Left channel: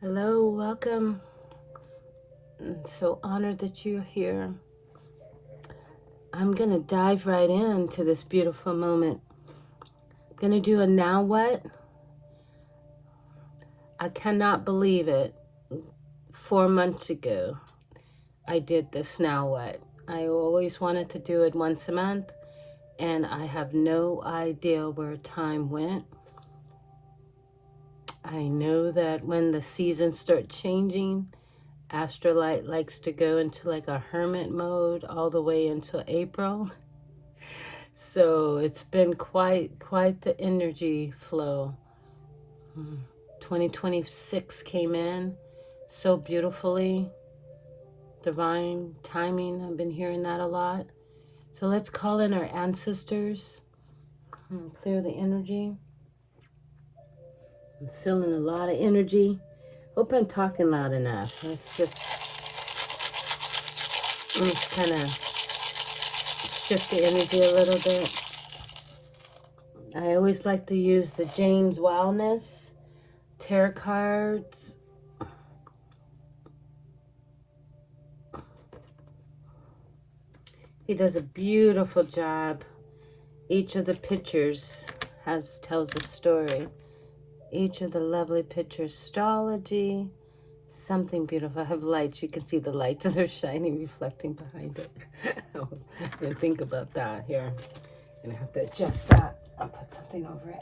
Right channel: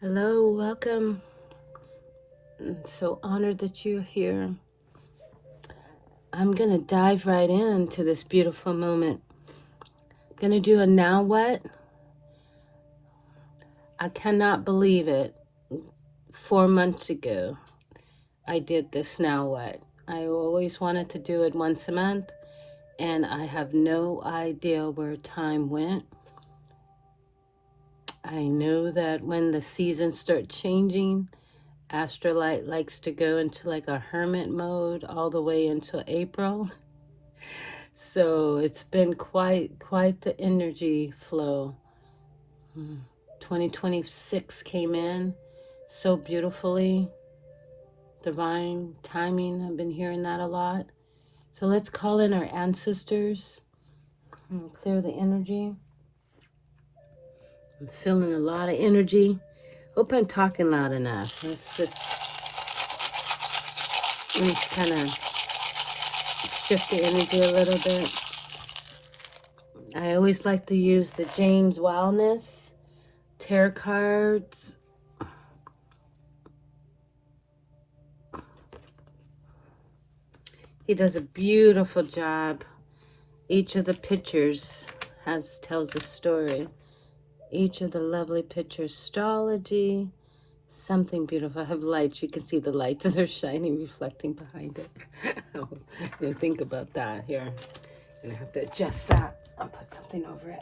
Hello, welcome. I'm so honored that you're here. I'm going to dive right into this beautiful moment. Going to do a now what? I cannot believe it. 4 months ago, I did this now what? I always wanted to do it once a month, and I have no idea where time went. I know that when the seasons start changing, Astrolight likes to go into like a hermit mode all the way until April. So it's been quite the energy flow. 2026 came in so beautifully. Divine timing, I've been hearing that a lot. So let's call in our ancestors and clear the energy. I'm feeling a lot of energy. Hope I'm talking loud enough. Let's kind of shift the energy a little bit. I always like to use the James Wellness tarot cards. He does a beautiful job. Each of the pictures tells a story. Each of the lovely pictures, astrology, something beautiful. I have lights. You can see the lights. They're shining, reflecting behind it. And think about that here. And I have to adjust that. I'll put something over it.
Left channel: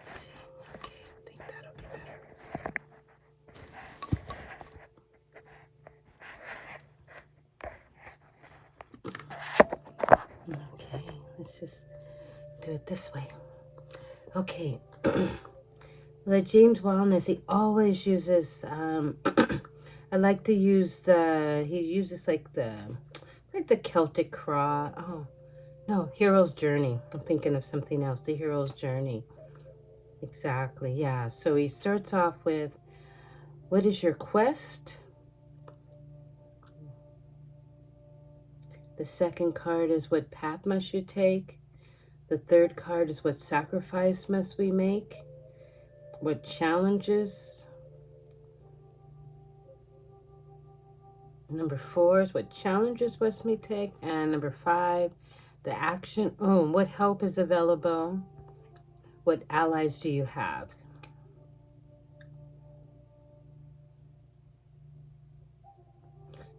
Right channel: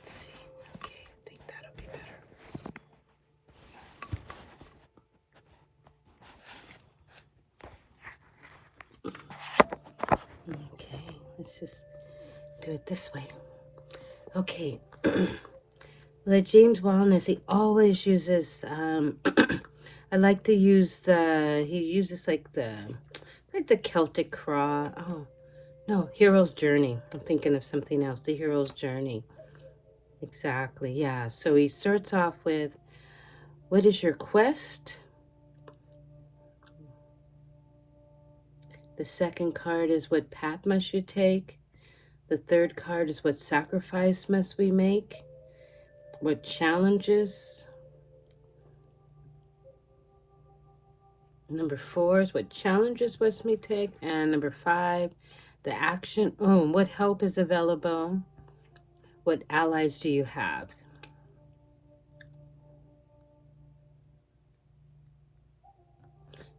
Let's see. Okay, I think that'll be better. Okay, let's just do it this way. Okay. The James Wellness, he always uses, I like to use he uses like the Celtic Cross. Oh, no, Hero's Journey. I'm thinking of something else. The Hero's Journey. Exactly, yeah. So he starts off with, what is your quest? The second card is, what path must you take? The third card is, what sacrifice must we make? What challenges? Number 4 is, what challenges must we take? And number 5, the action. Oh, what help is available? What allies do you have?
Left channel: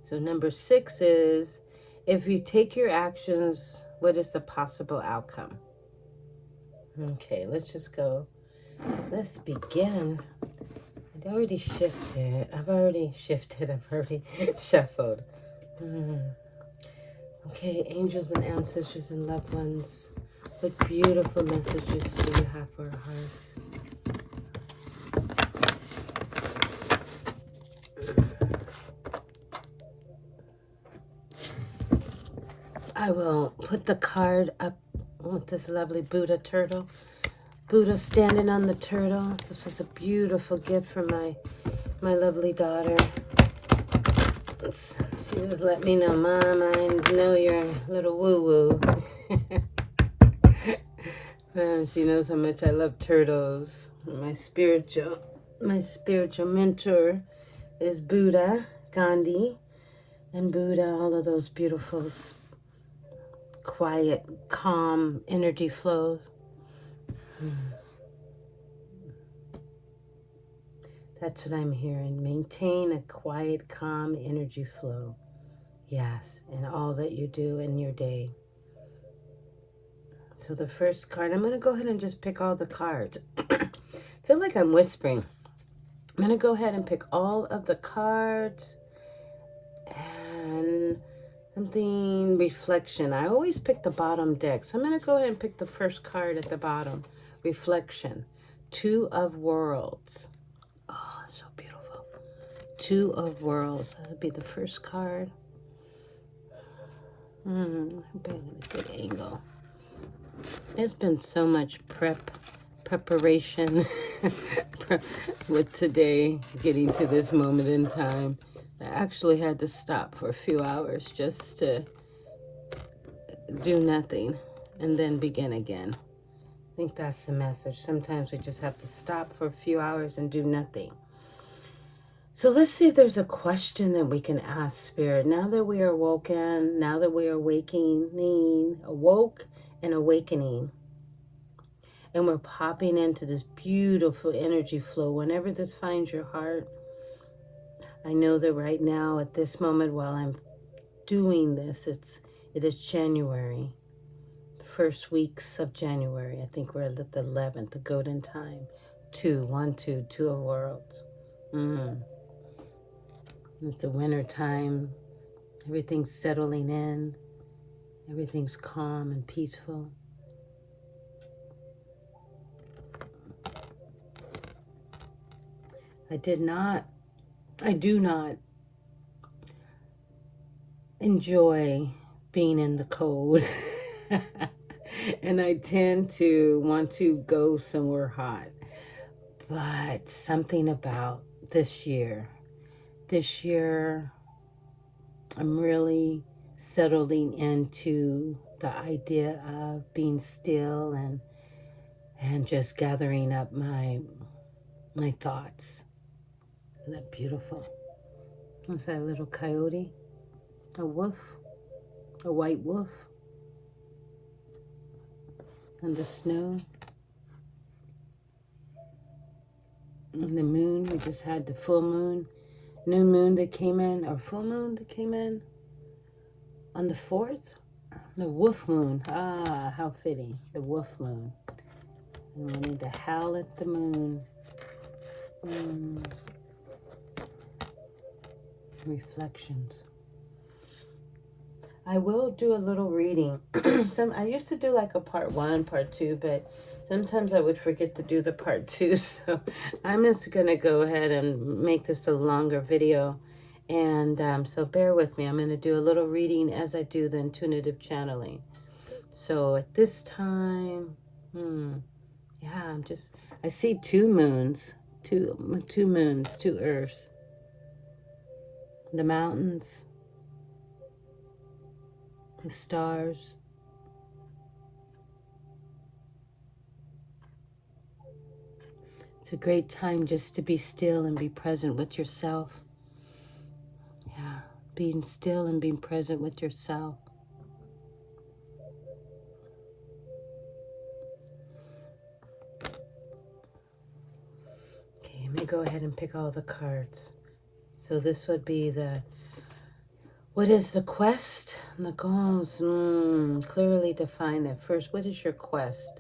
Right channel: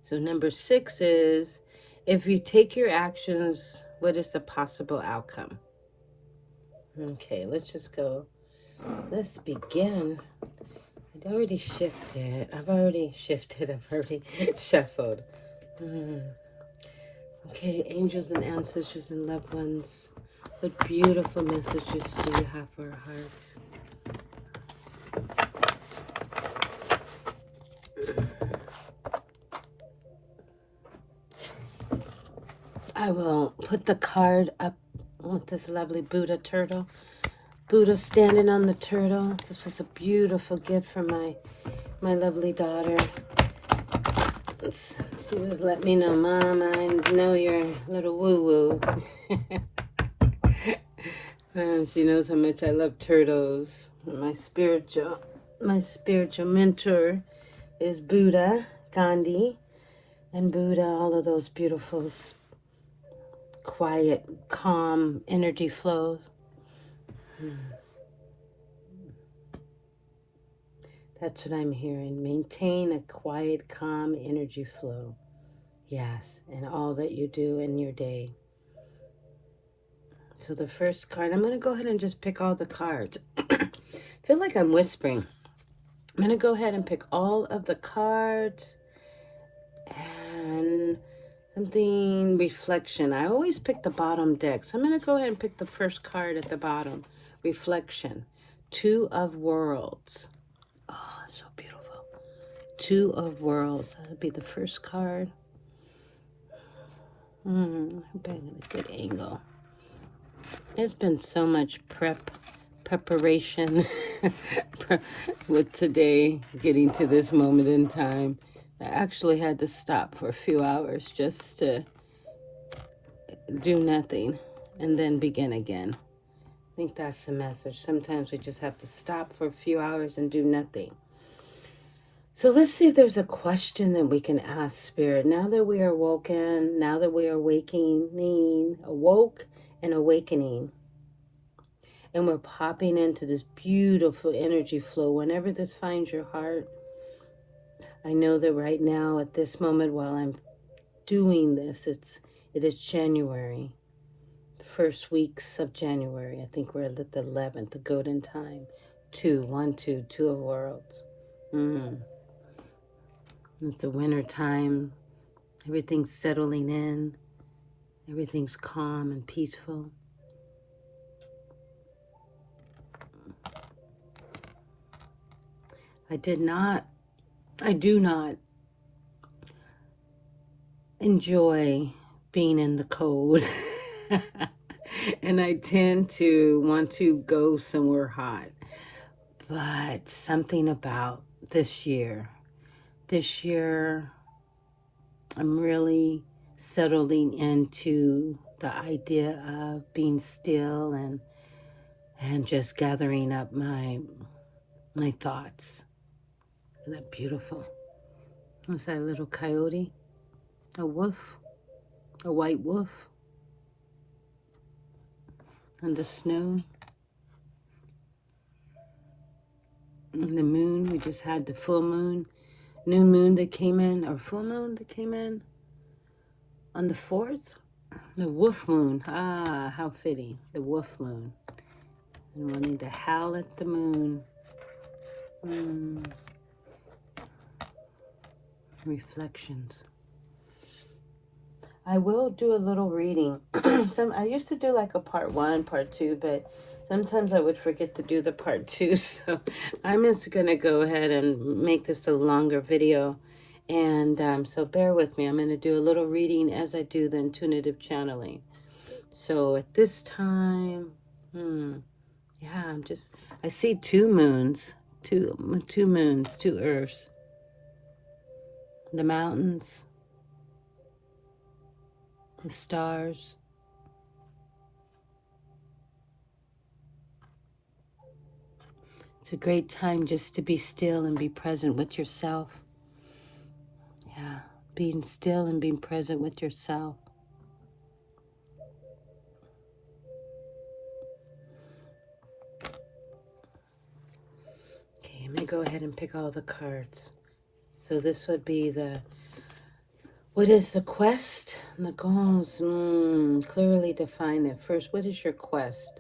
So number 6 is, if you take your actions, what is the possible outcome? Okay, let's just go. Let's begin. I've already shifted. I've already shuffled. Okay, angels and ancestors and loved ones, what beautiful messages do you have for our hearts? I will put the card up with this lovely Buddha turtle. Buddha standing on the turtle. This was a beautiful gift from my lovely daughter. She just let me know, Mom, I know you're a little woo-woo. She knows how much I love turtles. My spiritual mentor is Buddha, Gandhi, and Buddha, all of those beautiful, quiet, calm energy flows. That's what I'm hearing. Maintain a quiet, calm energy flow. Yes, and all that you do in your day. So the first card, I'm going to go ahead and just pick all the cards. I feel like I'm whispering. I'm going to go ahead and pick all of the cards. And something reflection. I always pick the bottom deck. So I'm going to go ahead and pick the first card at the bottom. Reflection. 2 of Worlds. Oh, so beautiful. 2 of Worlds. That would be the first card. I hope I get a good angle. There's been so much prep preparation with today getting to this moment in time. I actually had to stop for a few hours just to do nothing and then begin again. I think that's the message. Sometimes we just have to stop for a few hours and do nothing. So let's see if there's a question that we can ask Spirit. Now that we are awoken, now that we are awoke and awakening, and we're popping into this beautiful energy flow, whenever this finds your heart, I know that right now at this moment while I'm doing this, it is January, the first weeks of January. I think we're at the 11th, the golden time. 2 of worlds. It's the winter time. Everything's settling in. Everything's calm and peaceful. I do not enjoy being in the cold. And I tend to want to go somewhere hot. But something about this year, I'm really settling into the idea of being still and just gathering up my thoughts. Isn't that beautiful? What's that little coyote? A wolf? A white wolf? On the snow? And the moon, we just had the full moon. New moon that came in, or full moon that came in on the 4th. The wolf moon. Ah, how fitting. The wolf moon. And wanting to howl at the moon. Reflections. I will do a little reading. I used to do like a part 1, part 2, but sometimes I would forget to do the part 2. So I'm just going to go ahead and make this a longer video. And so bear with me. I'm going to do a little reading as I do the intuitive channeling. So at this time, yeah, I see 2 moons, two moons, 2 earths. The mountains, the stars. It's a great time just to be still and be present with yourself. Yeah, being still and being present with yourself. Okay, I'm going to go ahead and pick all the cards. So this would be what is the quest? The goals, clearly define it. First, what is your quest?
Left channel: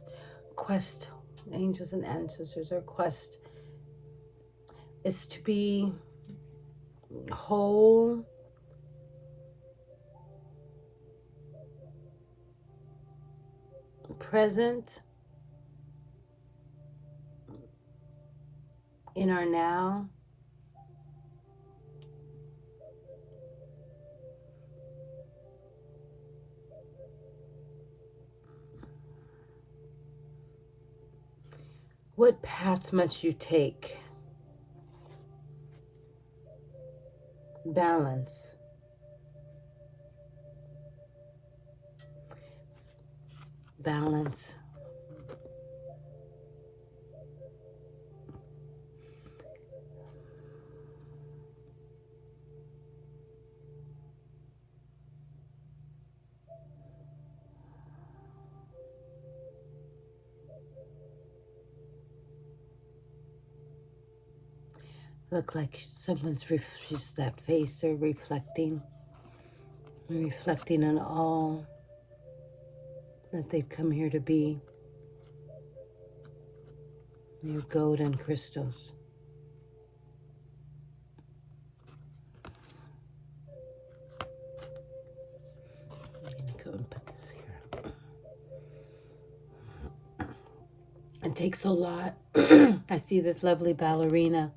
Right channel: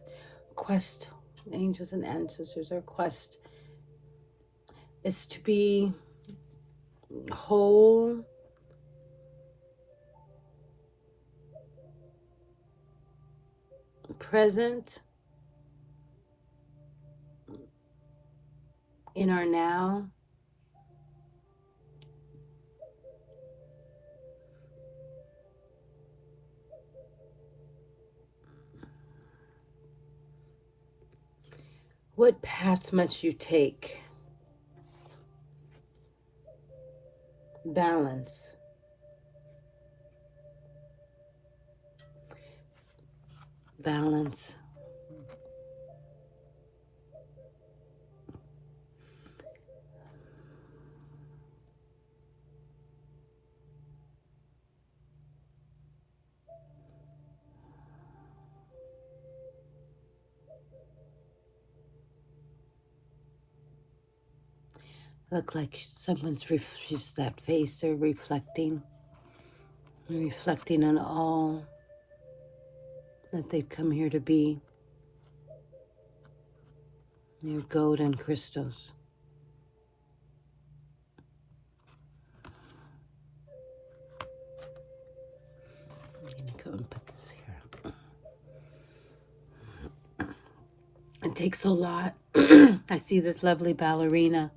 Quest, angels and ancestors, our quest is to be whole, present in our now, what path must you take? Balance. Balance. Look like someone's just that face. They're reflecting on all that they've come here to be. Your golden crystals. I'm gonna go and put this here. It takes a lot. I see this lovely ballerina.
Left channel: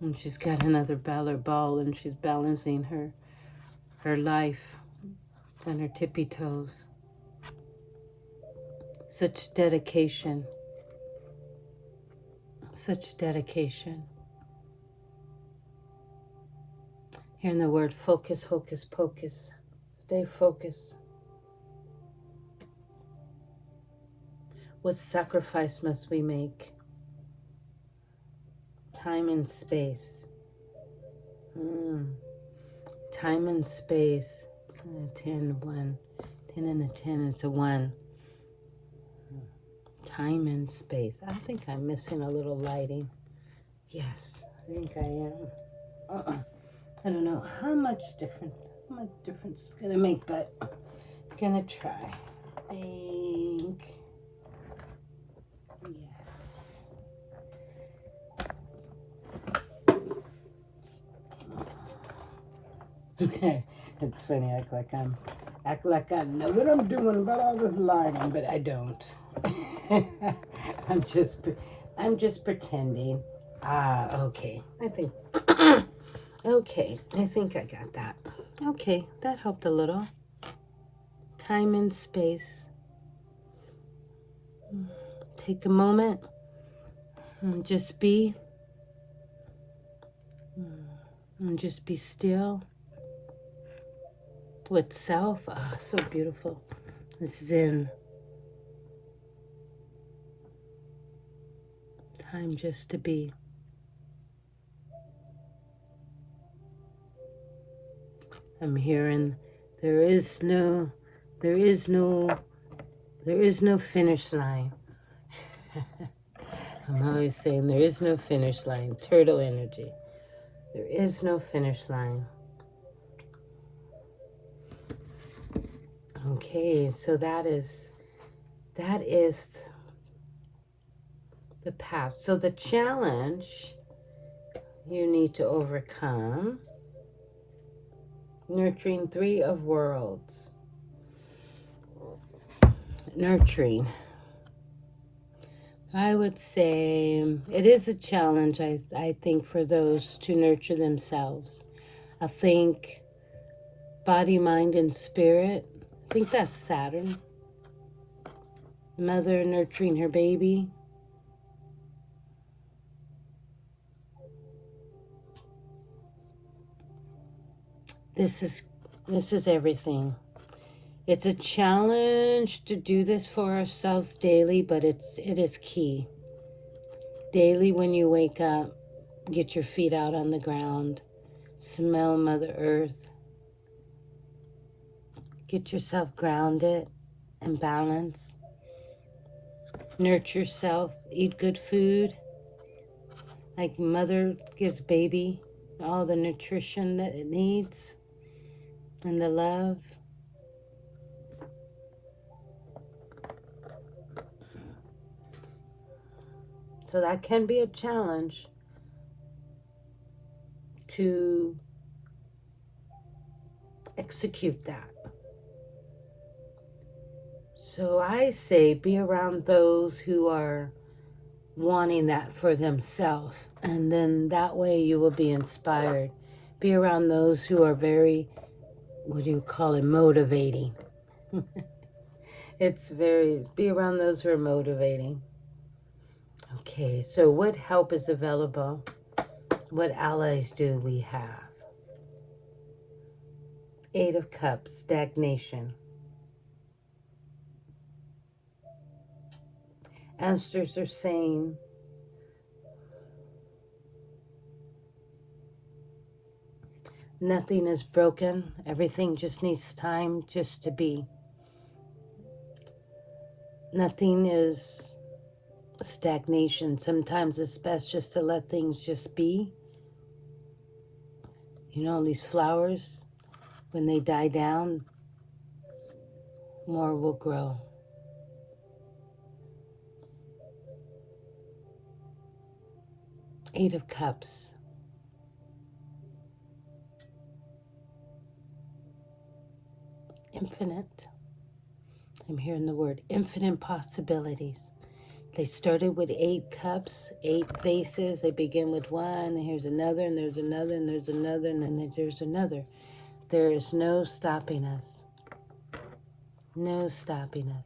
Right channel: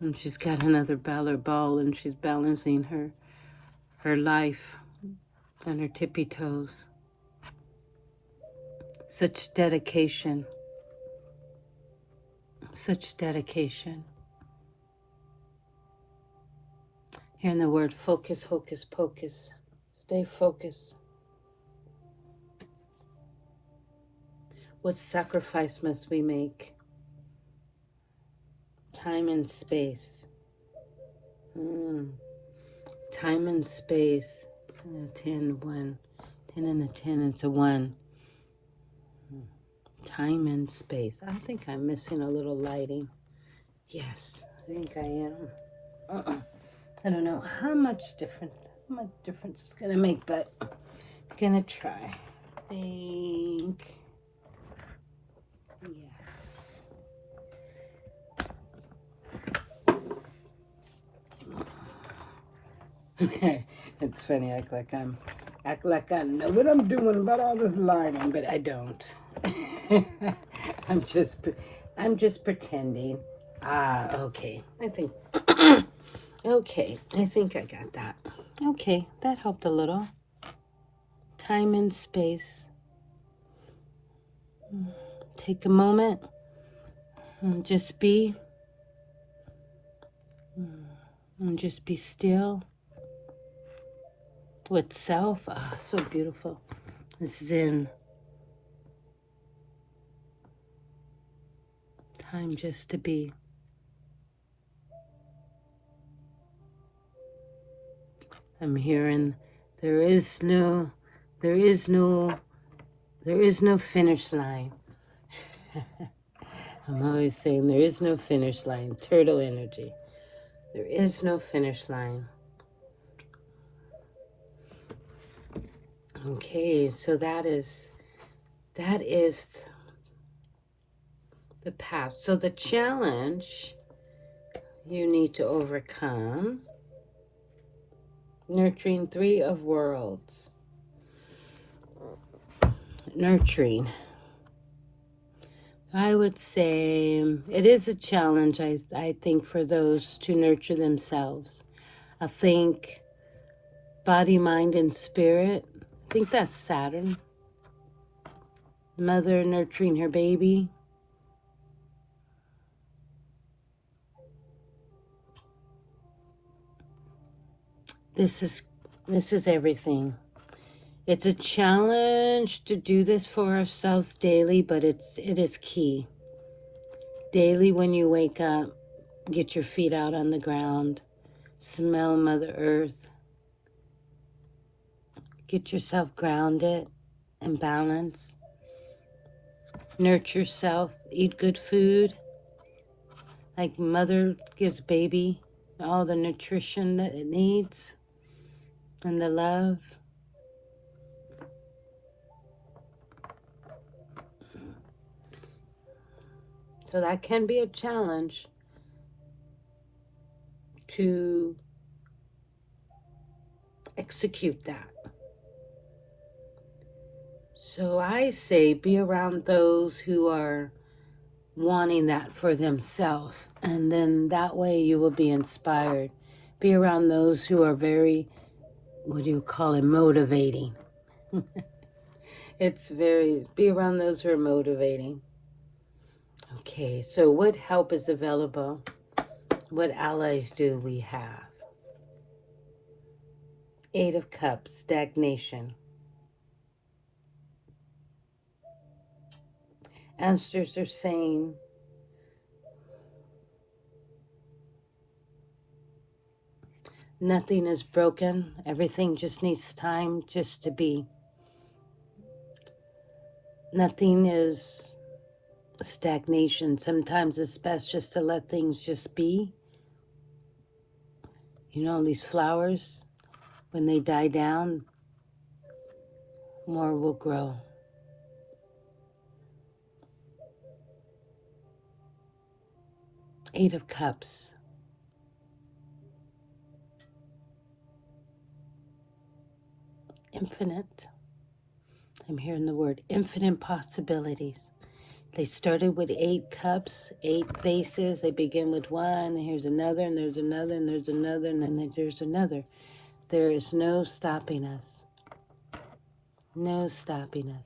And she's got another ball and she's balancing her life on her tippy toes. Such dedication. Such dedication. Hearing the word focus, hocus pocus. Stay focused. What sacrifice must we make? Time and space. Time and space. 10, 1. 10 and a 10, it's a 1. Time and space. I think I'm missing a little lighting. Yes, I think I am. I don't know how much difference it's going to make, but I'm going to try. I think. Yes. It's funny, act like I know what I'm doing about all this lighting, but I don't. I'm just pretending. Okay. I think okay, I think I got that. Okay, that helped a little. Time and space. Take a moment and just be still with self. So beautiful. This is in time just to be. I'm hearing there is no finish line. I'm always saying there is no finish line. Turtle energy. There is no finish line. Okay, so that is the path. So the challenge you need to overcome, nurturing 3 of worlds. Nurturing. I would say it is a challenge, I think, for those to nurture themselves. I think body, mind, and spirit. I think that's Saturn. Mother nurturing her baby. This is everything. It's a challenge to do this for ourselves daily, but it is key. Daily when you wake up, get your feet out on the ground, smell Mother Earth, get yourself grounded and balanced. Nurture yourself, eat good food, like mother gives baby all the nutrition that it needs and the love. So that can be a challenge to execute that. So I say be around those who are wanting that for themselves, and then that way you will be inspired. Be around those who are very, what do you call it, motivating. Be around those who are motivating. Okay, so what help is available? What allies do we have? 8 of Cups, stagnation. Ancestors are saying nothing is broken. Everything just needs time just to be. Nothing is stagnation. Sometimes it's best just to let things just be. You know, these flowers, when they die down, more will grow. Eight of Cups. Infinite. I'm hearing the word infinite possibilities. They started with 8 cups, 8 faces. They begin with 1, and here's another, and there's another, and there's another, and then there's another. There is no stopping us. No stopping us.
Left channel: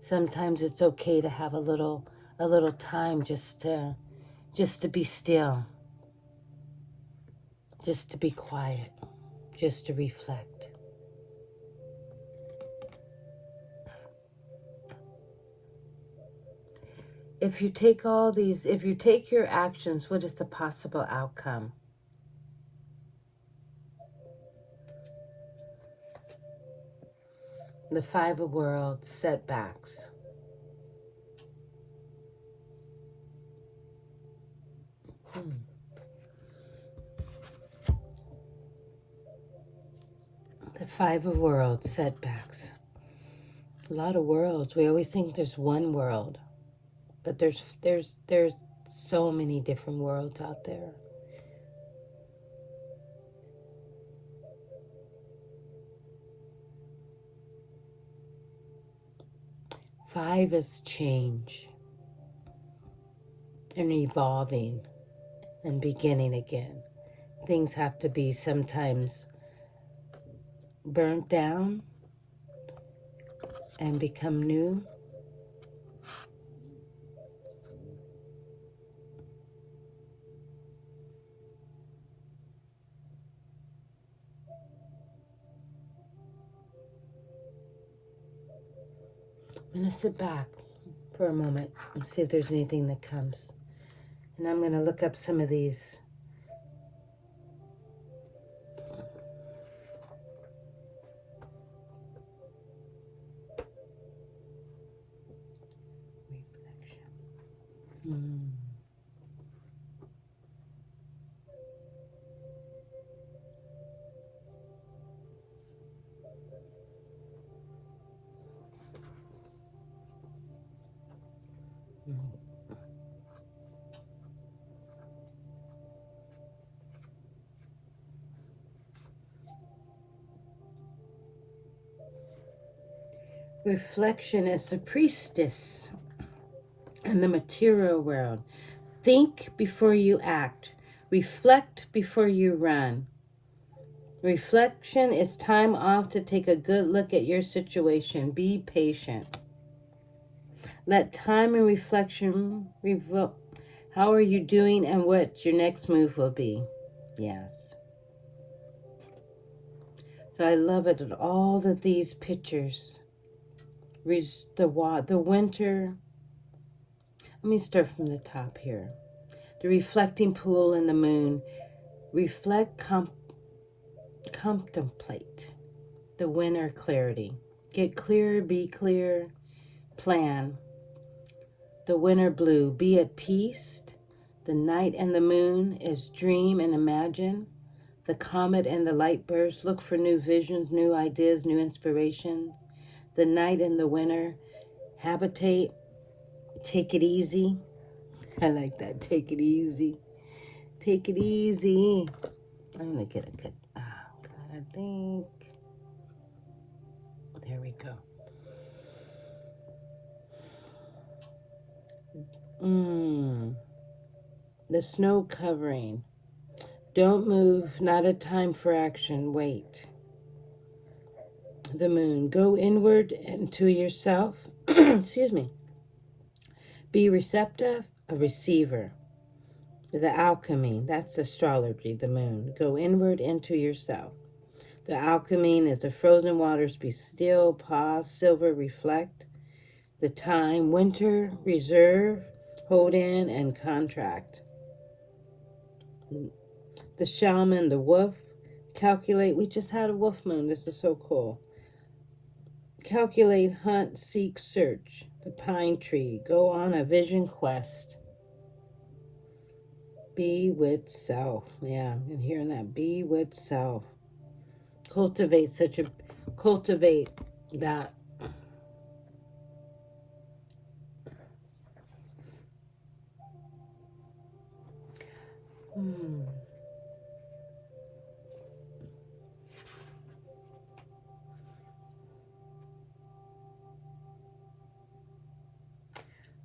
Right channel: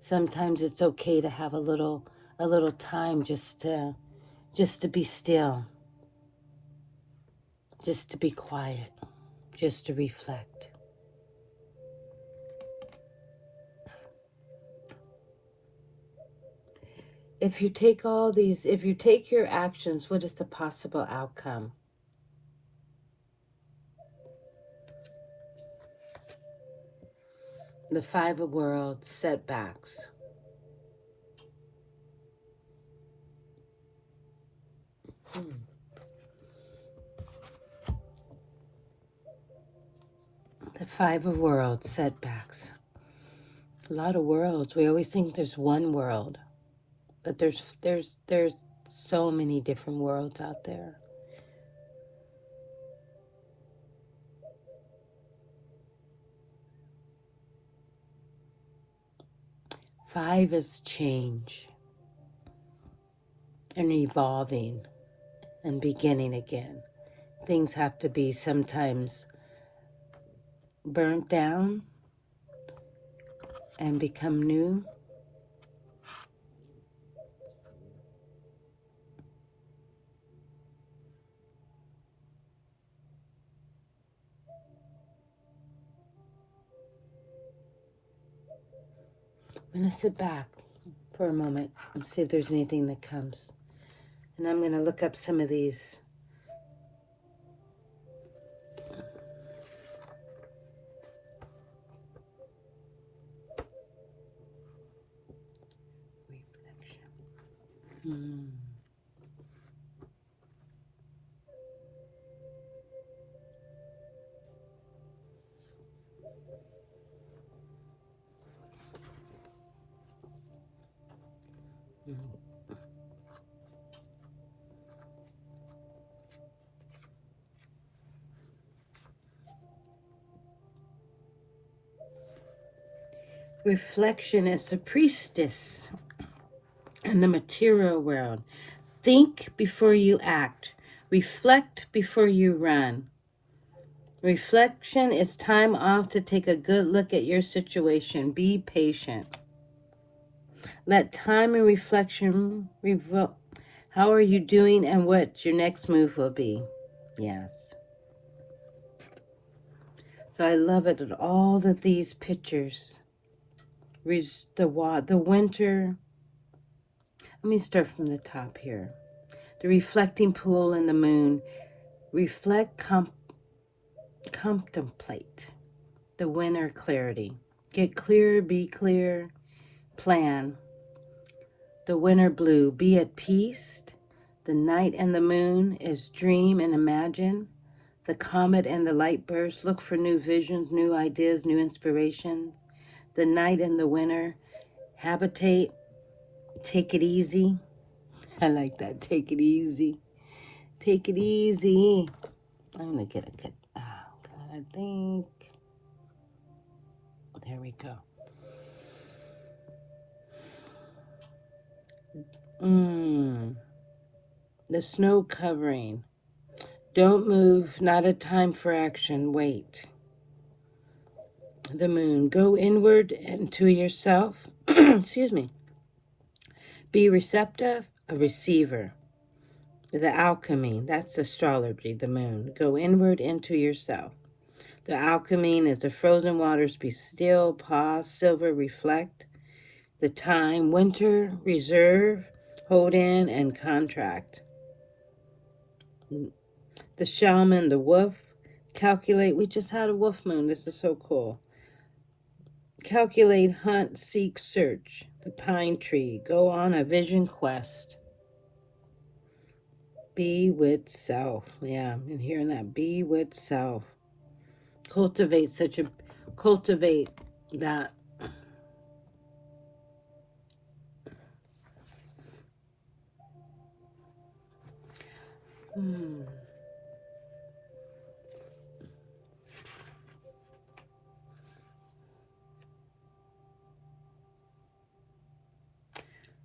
Sometimes it's okay to have a little time just to just to be still, just to be quiet, just to reflect. If you take if you take your actions, what is the possible outcome? The Five of Worlds, setbacks. The Five of Worlds, setbacks. A lot of worlds. We always think there's one world, but there's so many different worlds out there. Five is change and evolving and beginning again. Things have to be sometimes burnt down and become new. I'm going to sit back for a moment and see if there's anything that comes. And I'm going to look up some of these. Reflection. Reflection is the priestess in the material world. Think before you act. Reflect before you run. Reflection is time off to take a good look at your situation. Be patient. Let time and reflection reveal how are you doing and what your next move will be. Yes. So I love it at all of these pictures. The winter. Let me start from the top here. The reflecting pool and the moon. Reflect, contemplate. The winter clarity. Get clear, be clear, plan. The winter blue. Be at peace. The night and the moon is dream and imagine. The comet and the light burst. Look for new visions, new ideas, new inspirations. The night and the winter. Habitate. Take it easy. I like that. Take it easy. Take it easy. I'm going to get a good. Oh, God, I think. There we go. The snow covering. Don't move. Not a time for action. Wait. The moon. Go inward and to yourself. Excuse me. Be receptive, a receiver. The alchemy, that's astrology, the moon. Go inward into yourself. The alchemy is the frozen waters. Be still, pause, silver, reflect. The time, winter, reserve, hold in, and contract. The shaman, the wolf, calculate. We just had a wolf moon. This is so cool. Calculate, hunt, seek, search. The pine tree, go on a vision quest. Be with self. Yeah, I'm hearing that. Be with self. Cultivate that.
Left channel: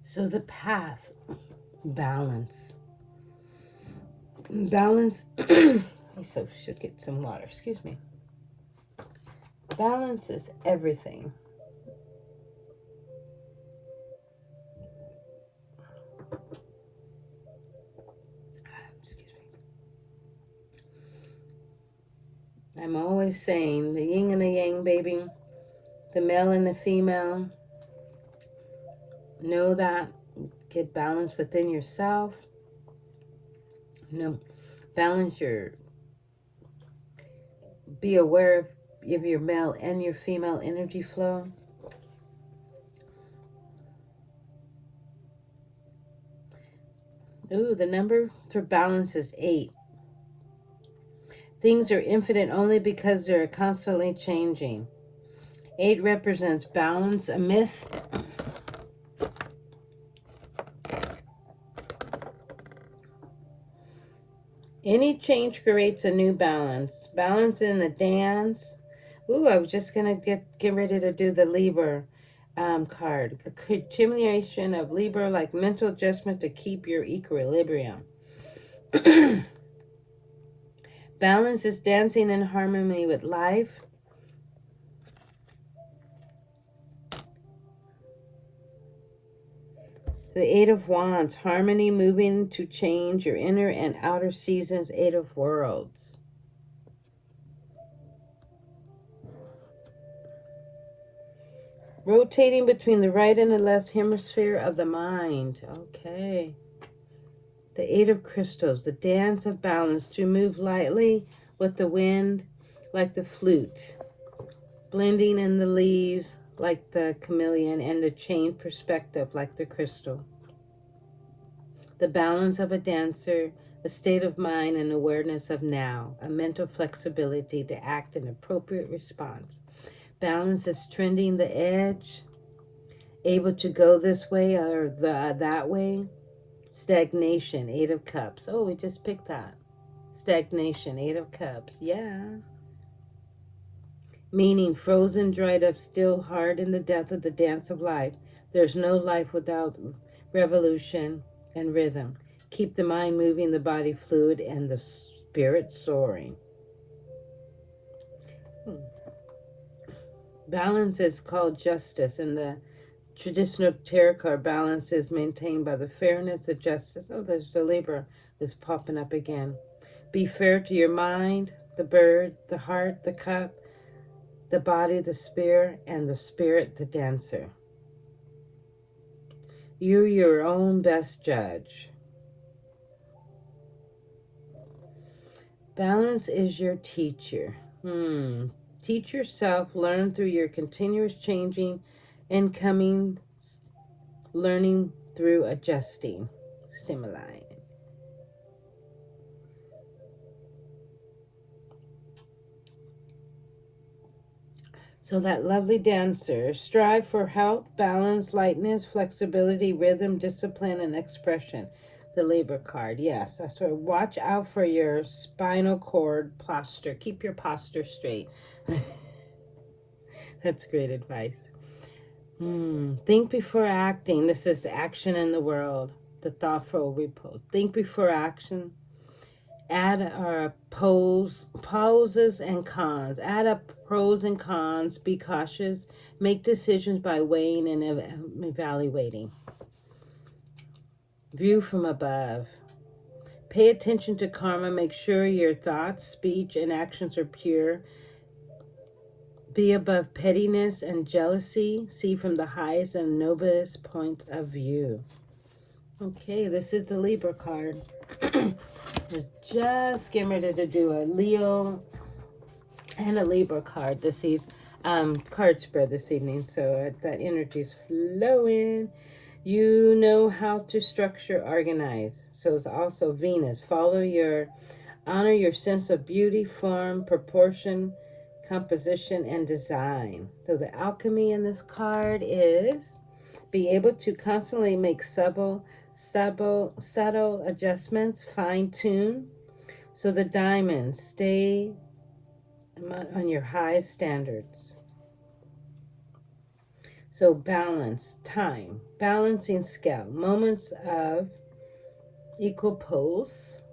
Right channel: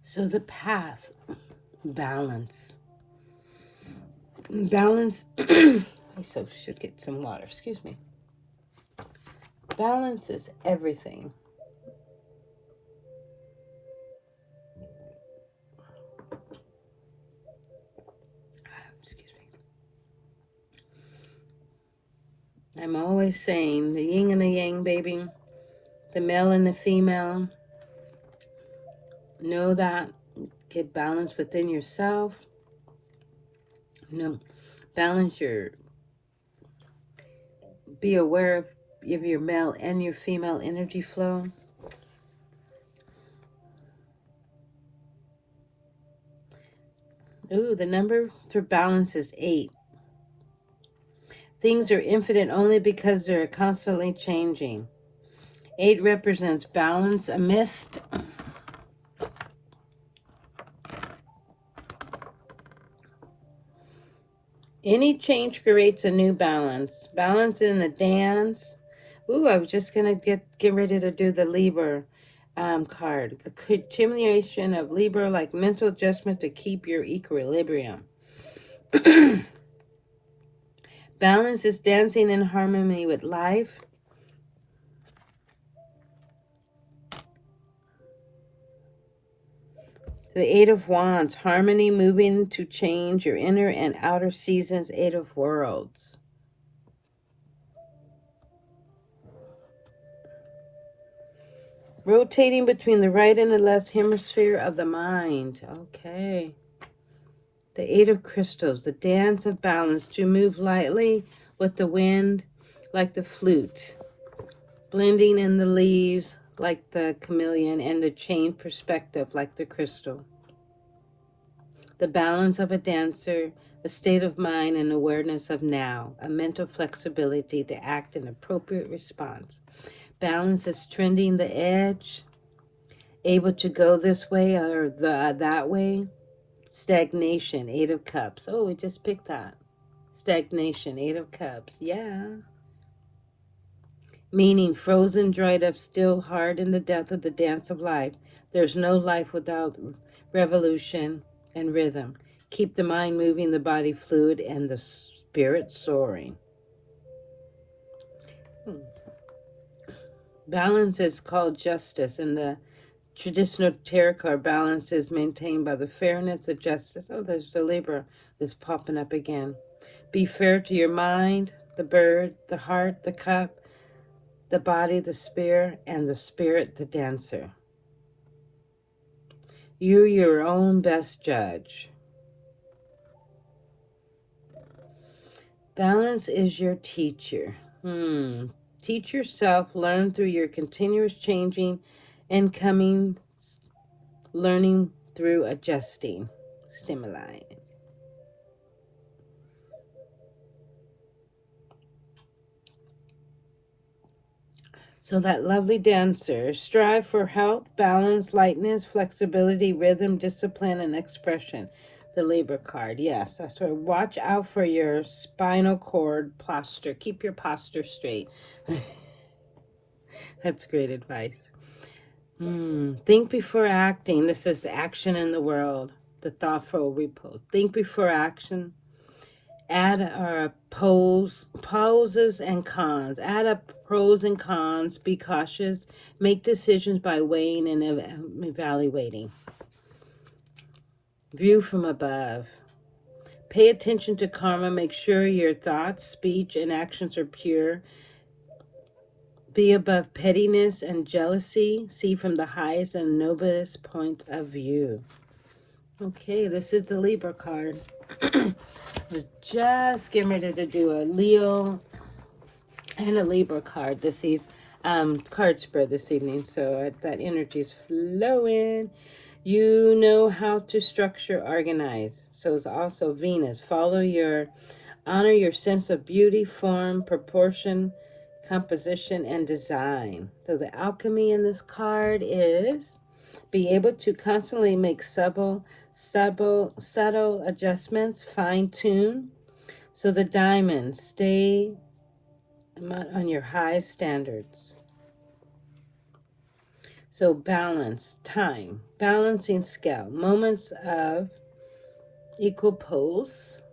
So the path, balance. Balance. I should get some water. Excuse me. Balance is everything. always saying, the yin and the yang, baby, the male and the female. Know that. Get balance within yourself. Balance your, be aware of your male and your female energy flow. Ooh, the number for balance is 8. Things are infinite only because they're constantly changing. 8 represents balance amidst any change creates a new balance. Balance in the dance. Ooh, I was just gonna get ready to do the Libra card. The continuation of Libra, like mental adjustment to keep your equilibrium. Balance is dancing in harmony with life. The 8 of Wands, harmony, moving to change your inner and outer seasons. 8 of Worlds. Rotating between the right and the left hemisphere of the mind. Okay. The 8 of Crystals, the dance of balance, to move lightly with the wind like the flute, blending in the leaves like the chameleon, and the chain perspective like the crystal. The balance of a dancer, a state of mind and awareness of now, a mental flexibility to act in appropriate response. Balance is trending the edge, able to go this way or that way. Stagnation, 8 of Cups. Oh, we just picked that. Stagnation, 8 of Cups. Yeah. Meaning frozen, dried up, still hard in the death of the dance of life. There's no life without revolution and rhythm. Keep the mind moving, the body fluid, and the spirit soaring. Balance is called justice, and the traditional tarot card balance is maintained by the fairness of justice. Oh, there's the Libra that's popping up again. Be fair to your mind, the bird, the heart, the cup, the body, the spirit, and the spirit, the dancer. You're your own best judge. Balance is your teacher. Teach yourself, learn through your continuous changing and coming, learning through adjusting stimuli. So that lovely dancer, strive for health, balance, lightness, flexibility, rhythm, discipline, and expression. The Libra card, yes. That's right. Watch out for your spinal cord posture. Keep your posture straight. That's great advice. Think before acting. This is action in the world. The thoughtful repose. Think before action. Add poses and cons. Add up pros and cons. Be cautious. Make decisions by weighing and evaluating. View from above. Pay attention to karma. Make sure your thoughts, speech, and actions are pure. Be above pettiness and jealousy. See from the highest and noblest point of view. Okay, this is the Libra card. We're just getting ready to do a Leo and a Libra card this card spread this evening. So that energy is flowing. You know how to structure, organize. So it's also Venus. Honor your sense of beauty, form, proportion, composition, and design. So the alchemy in this card is be able to constantly make subtle adjustments, fine tune. So the diamonds stay on your high standards. So balance, time, balancing scale, moments of equal pulse.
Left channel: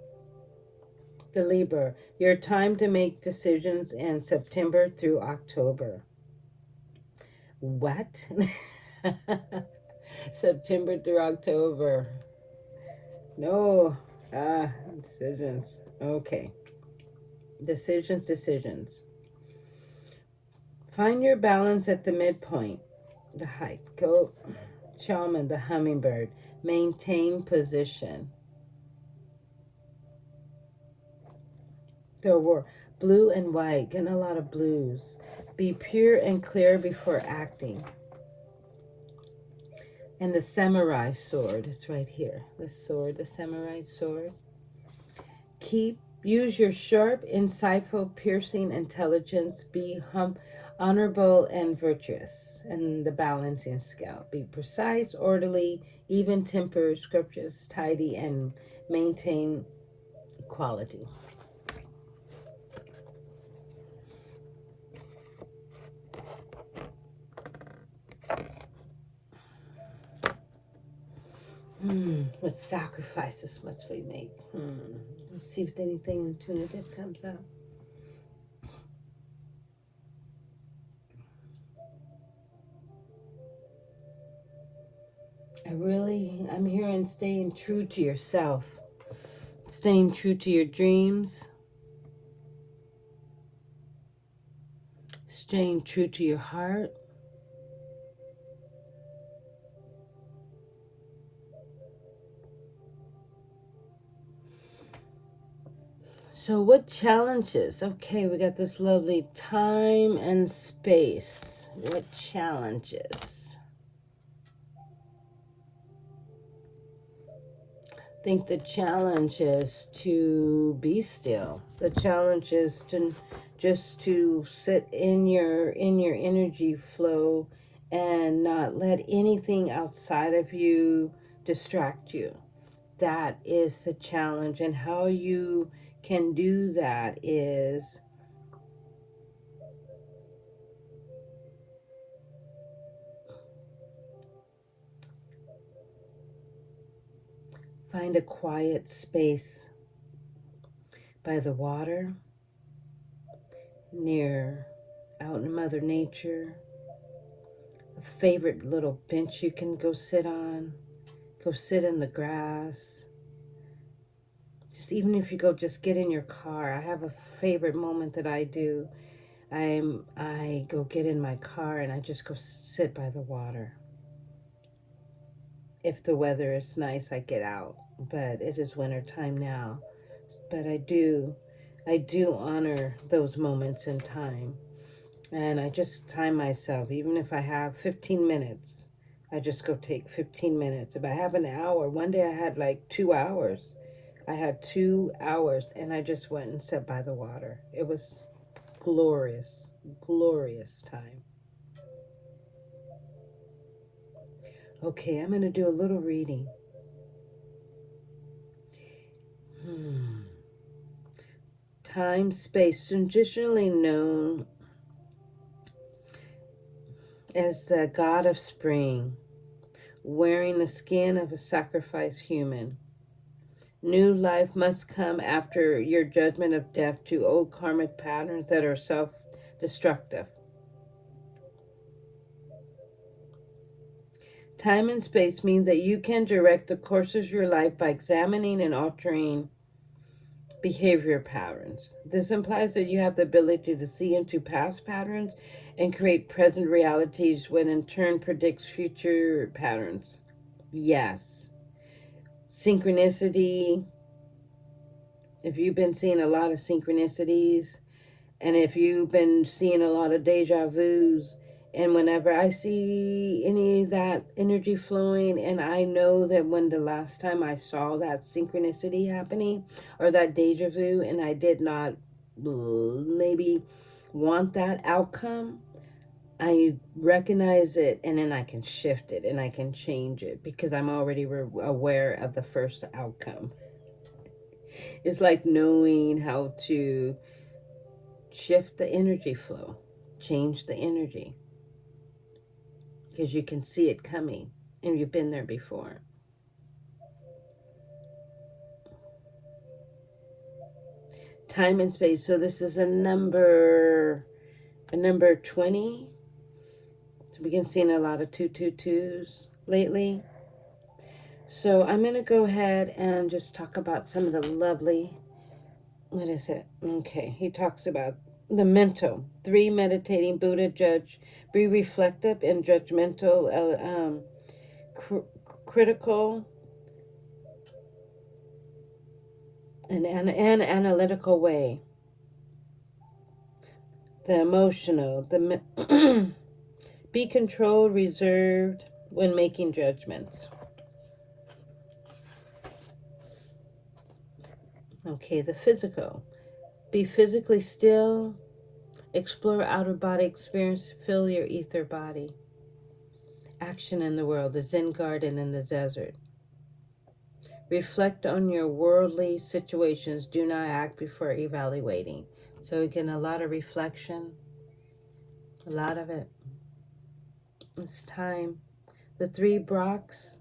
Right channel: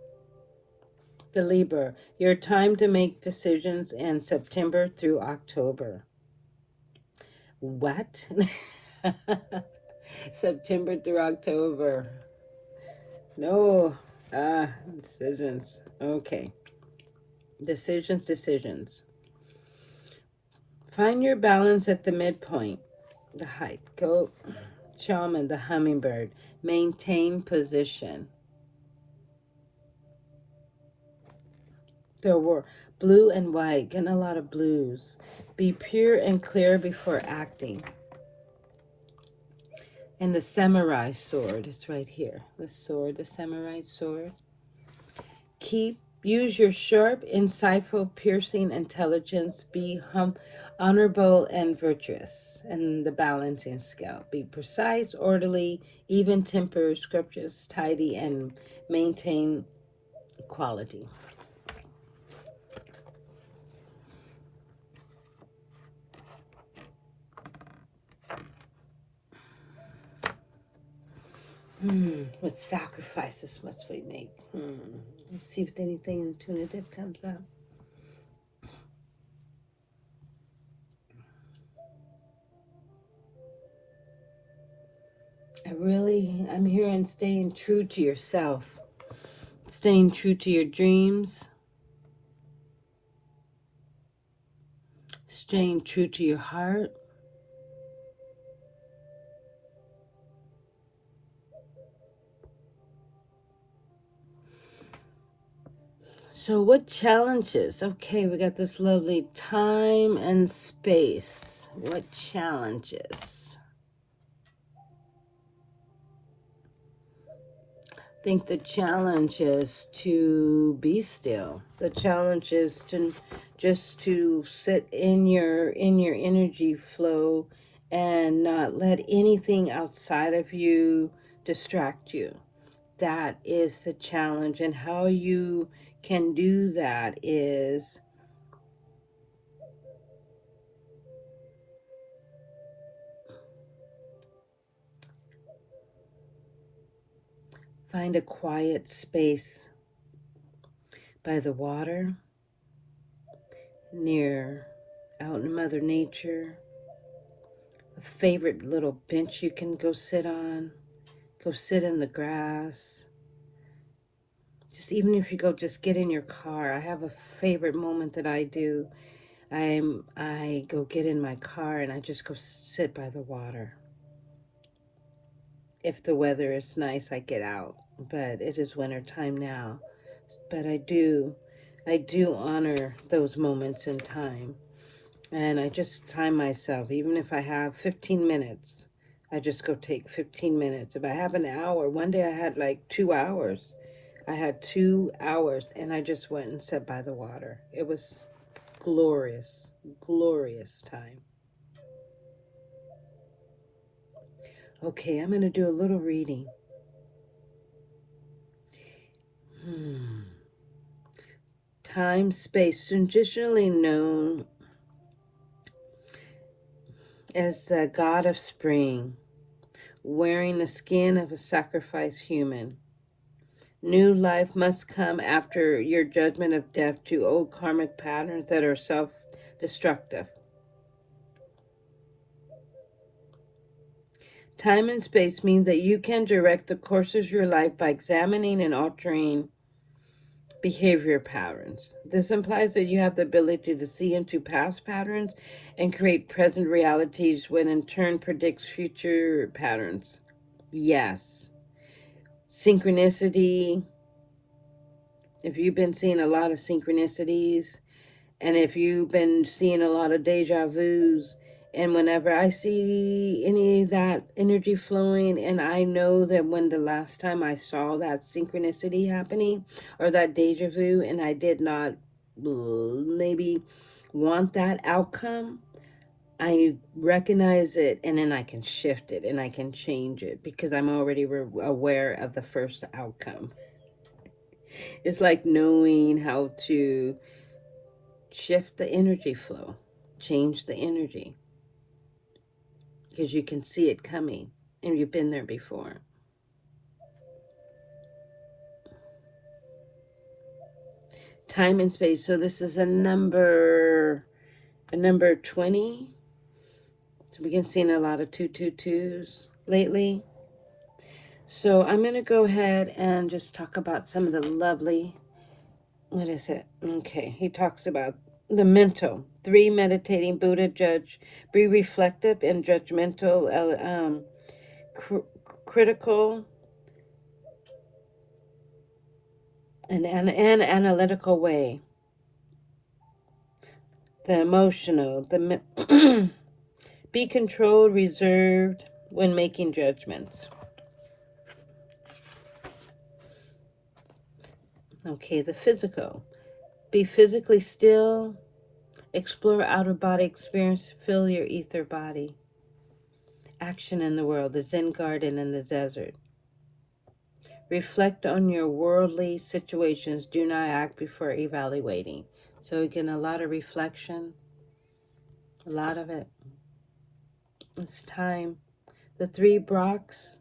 The Libra, your time to make decisions in September through October. What? September through October. No. Decisions. Okay. Decisions. Find your balance at the midpoint, the height. Go, shaman, the hummingbird. Maintain position. There were blue and white, getting a lot of blues. Be pure and clear before acting. And the samurai sword is right here. The sword, the samurai sword. Use your sharp, insightful, piercing intelligence. Be honorable and virtuous. And the balancing scale. Be precise, orderly, even temper, scrumptious, tidy, and maintain equality. What sacrifices must we make? Let's see if anything intuitive comes up. I'm hearing staying true to yourself, staying true to your dreams, staying true to your heart. So what challenges? Okay, we got this lovely time and space. What challenges? I think the challenge is to be still. The challenge is to just to sit in your energy flow and not let anything outside of you distract you. That is the challenge, and how you can do that is find a quiet space by the water, near out in Mother Nature, a favorite little bench you can go sit on, go sit in the grass. Just even if you go just get in your car. I have a favorite moment that I do. I go get in my car and I just go sit by the water. If the weather is nice, I get out, but it is winter time now. But I do honor those moments in time. And I just time myself, even if I have 15 minutes, I just go take 15 minutes. If I have an hour, one day I had like 2 hours. I had 2 hours and I just went and sat by the water. It was glorious, glorious time. Okay, I'm going to do a little reading. Time, space, traditionally known as the god of spring, wearing the skin of a sacrificed human. New life must come after your judgment of death to old karmic patterns that are self-destructive. Time and space means that you can direct the course of your life by examining and altering behavior patterns. This implies that you have the ability to see into past patterns and create present realities, when in turn predicts future patterns. Yes. Synchronicity. If you've been seeing a lot of synchronicities, and if you've been seeing a lot of deja vus, and whenever I see any of that energy flowing, and I know that when the last time I saw that synchronicity happening or that deja vu, and I did not maybe want that outcome, I recognize it, and then I can shift it and I can change it because I'm already aware of the first outcome. It's like knowing how to shift the energy flow, change the energy, because you can see it coming and you've been there before. Time and space. So this is a number 20. So we can see a lot of 222s lately. So I'm going to go ahead and just talk about some of the lovely, what is it? Okay, he talks about the mental. 3, meditating. Buddha judge. Be reflective and judgmental, cr- critical, and an analytical way. The emotional. Be controlled, reserved when making judgments. Okay, the physical. Be physically still. Explore outer body experience. Feel your ether body. Action in the world. The Zen garden in the desert. Reflect on your worldly situations. Do not act before evaluating. So again, a lot of reflection. A lot of it. It's time. The 3 Brocks.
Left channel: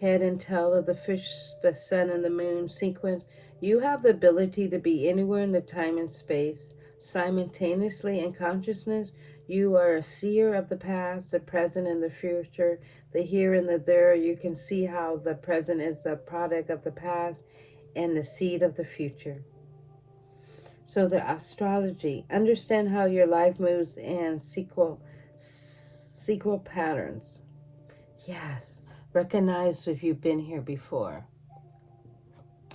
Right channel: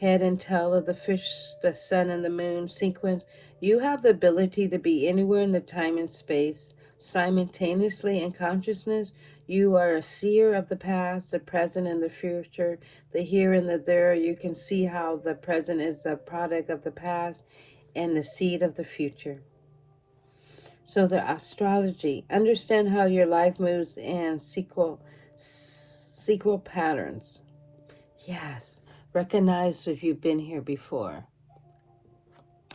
Head and tail of the fish, the sun, and the moon sequence. You have the ability to be anywhere in the time and space simultaneously in consciousness. You are a seer of the past, the present, and the future, the here and the there. You can see how the present is a product of the past and the seed of the future. So the astrology, understand how your life moves in sequel patterns. Yes, recognize if you've been here before.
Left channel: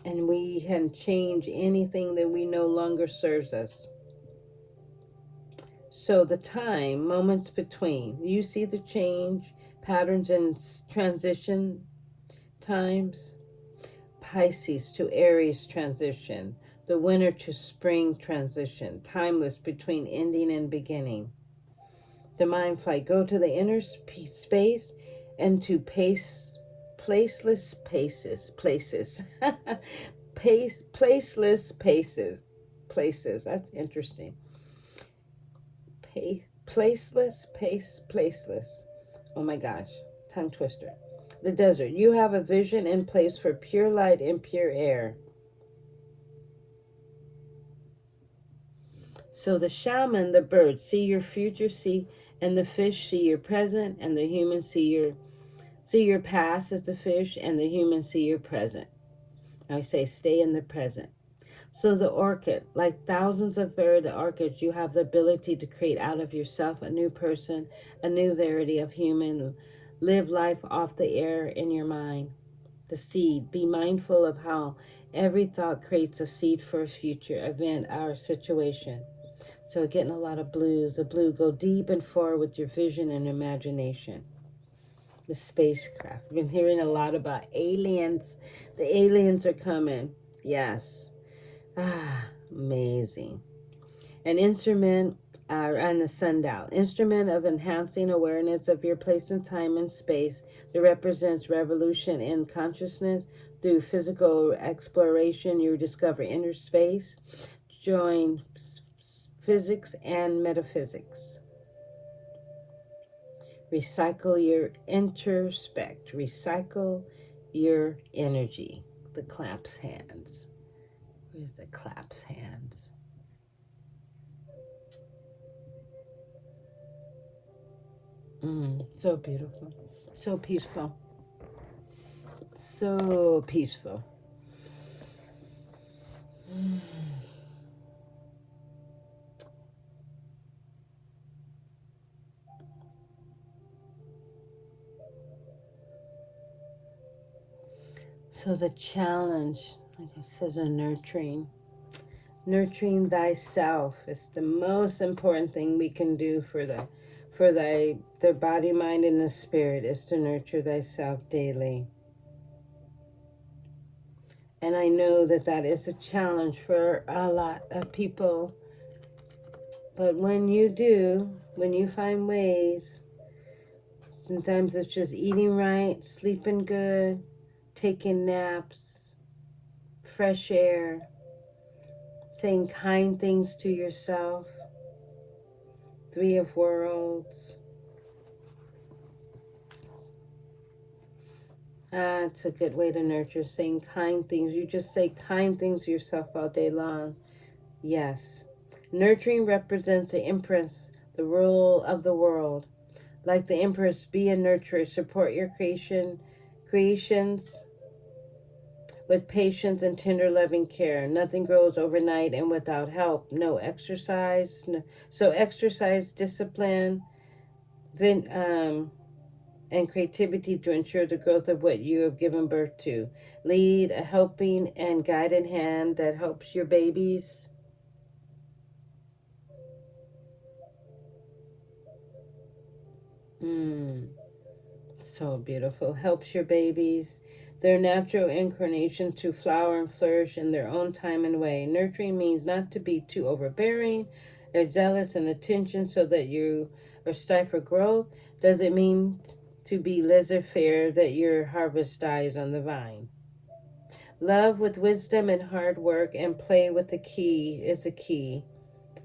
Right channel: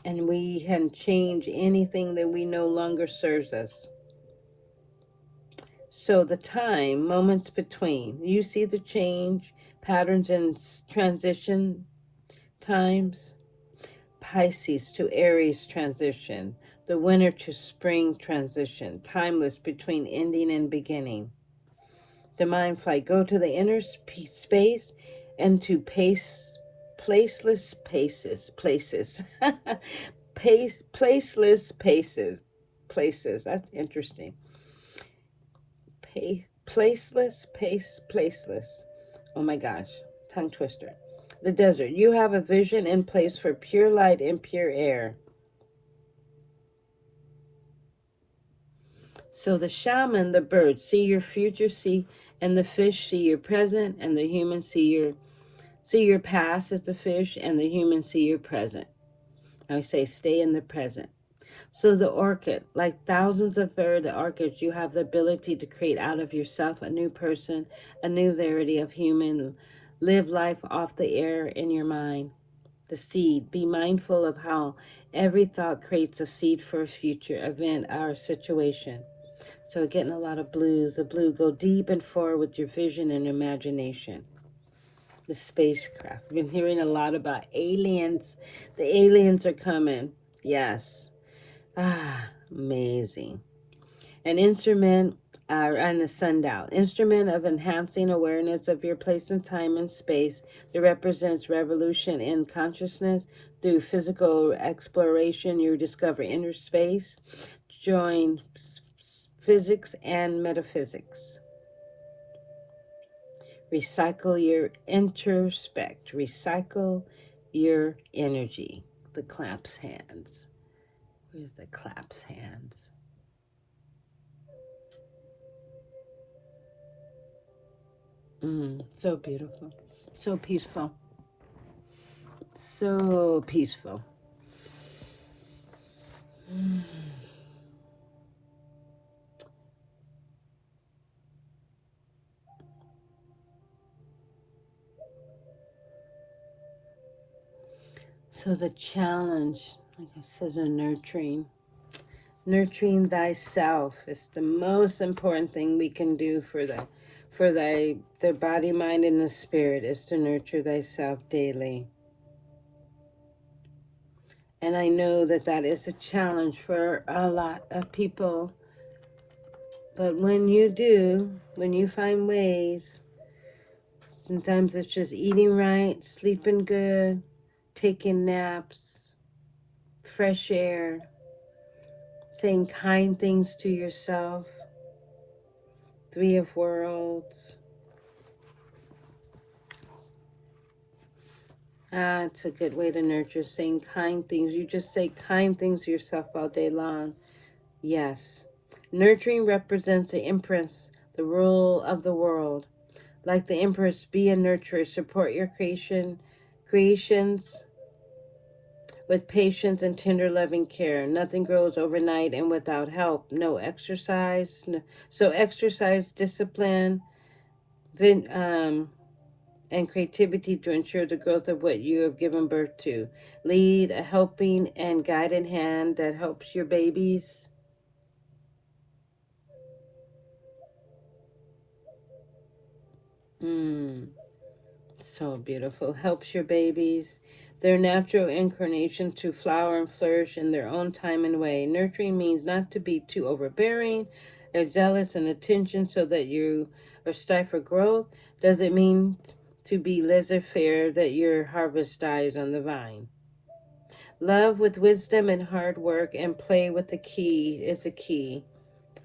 And we can change anything that we no longer serves us. So the time, moments between, you see the change, patterns and transition times. Pisces to Aries transition, the winter to spring transition, timeless between ending and beginning. The mind flight, go to the inner space and to placeless places. Placeless places. That's interesting. Placeless. Oh my gosh, tongue twister. The desert. You have a vision in place for pure light and pure air. So the shaman, the bird, see your future, and the fish see your present, and the human see your past as the fish, and the human see your present. I say stay in the present. So the orchid, like thousands of the orchids, you have the ability to create out of yourself a new person, a new variety of human. Live life off the air in your mind. The seed, be mindful of how every thought creates a seed for a future event or situation. So getting a lot of blues. The blue, go deep and far with your vision and imagination. The spacecraft. We've been hearing a lot about aliens. The aliens are coming. Yes. Ah, amazing. An instrument, and the sundial. Instrument of enhancing awareness of your place in time and space that represents revolution in consciousness. Through physical exploration, you discover inner space. Join physics and metaphysics. Recycle your introspect. Recycle your energy. The claps hands. Where's the claps hands? So beautiful. So peaceful. So peaceful. Mm. So the challenge, like I said, nurturing thyself is the most important thing we can do for the body, mind, and the spirit, is to nurture thyself daily. And I know that that is a challenge for a lot of people. But when you do, when you find ways, sometimes it's just eating right, sleeping good, taking naps, fresh air, saying kind things to yourself. 3 of Worlds. It's a good way to nurture, saying kind things. You just say kind things to yourself all day long. Yes. Nurturing represents the empress, the rule of the world. Like the empress, be a nurturer. Support your creations with patience and tender loving care. Nothing grows overnight and without help. No exercise. No, so exercise, discipline, then, and creativity to ensure the growth of what you have given birth to. Lead a helping and guided hand that helps your babies. So beautiful. Helps your babies. Their natural inclination to flower and flourish in their own time and way. Nurturing means not to be too overbearing or zealous in attention so that you are stifle growth. Does it mean to be laissez-faire that your harvest dies on the vine? Love with wisdom and hard work and play with the key is a key,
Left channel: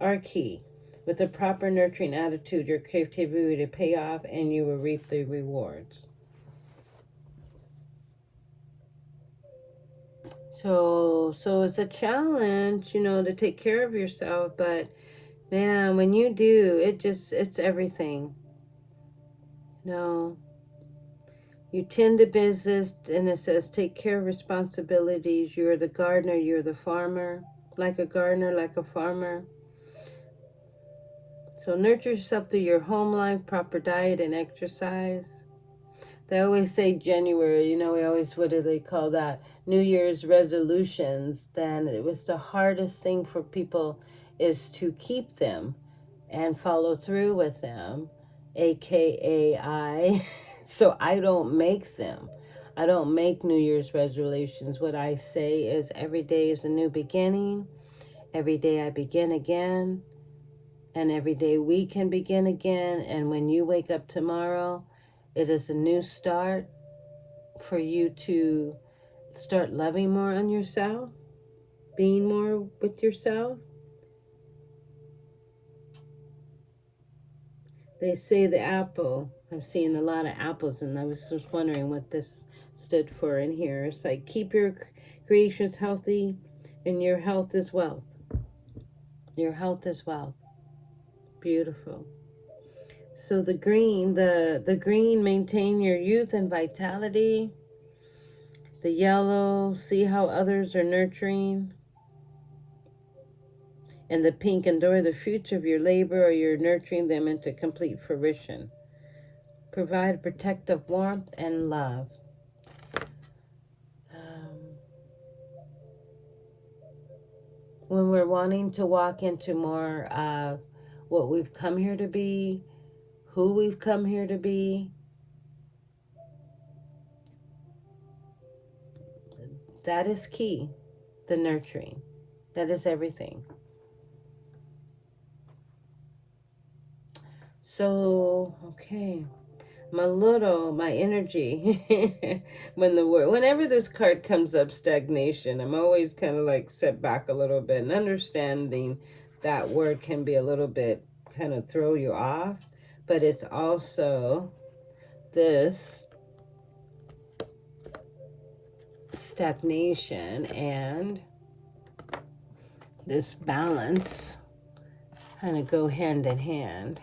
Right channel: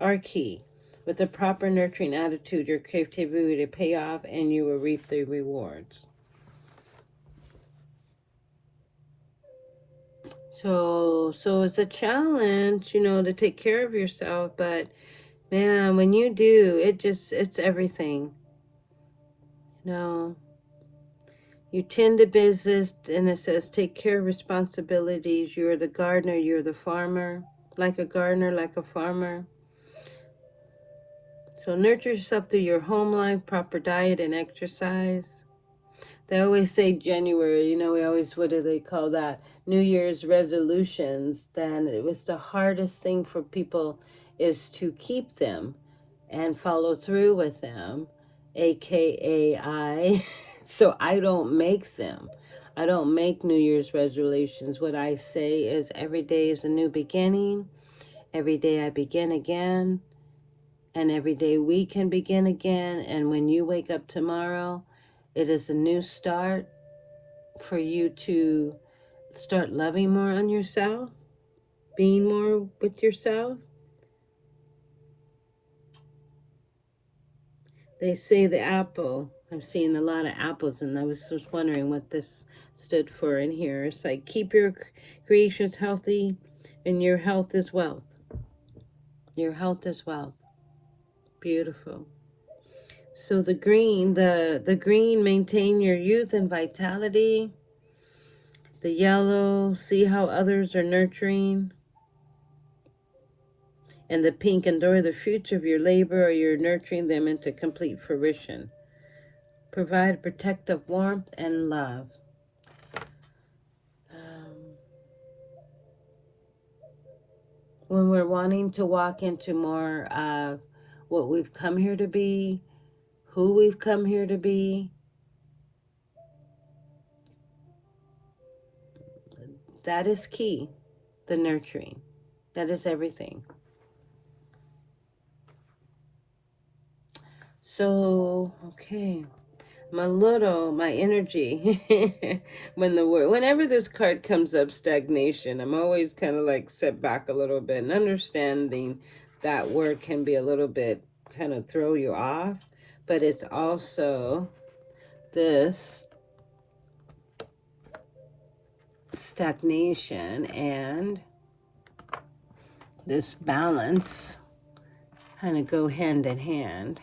our key. With a proper nurturing attitude, your creativity will pay off and you will reap the rewards. So it's a challenge, to take care of yourself, but man, when you do, it's everything. You know, you tend to business, and it says take care of responsibilities. You're the gardener, you're the farmer, like a gardener, like a farmer. So nurture yourself through your home life, proper diet and exercise. They always say January, we always, what do they call that? New Year's resolutions. Then it was the hardest thing for people is to keep them and follow through with them, aka I. So I don't make them. I don't make New Year's resolutions. What I say is every day is a new beginning. Every day I begin again. And every day we can begin again. And when you wake up tomorrow, it is a new start for you to start loving more on yourself, being more with yourself. They say the apple. I've seen a lot of apples, and I was just wondering what this stood for in here. It's like keep your creations healthy, and your health is wealth. Your health is wealth. Beautiful. So the green, maintain your youth and vitality. The yellow, see how others are nurturing. And the pink, endure the fruits of your labor, or you're nurturing them into complete fruition. Provide protective warmth and love. Um, when we're wanting to walk into more of what we've come here to be, who we've come here to be, that is key. The nurturing. That is everything. So, okay. My energy, whenever this card comes up, stagnation, I'm always kind of like set back a little bit, and understanding that word can be a little bit kind of throw you off, but it's also this stagnation and this balance kind of go hand in hand.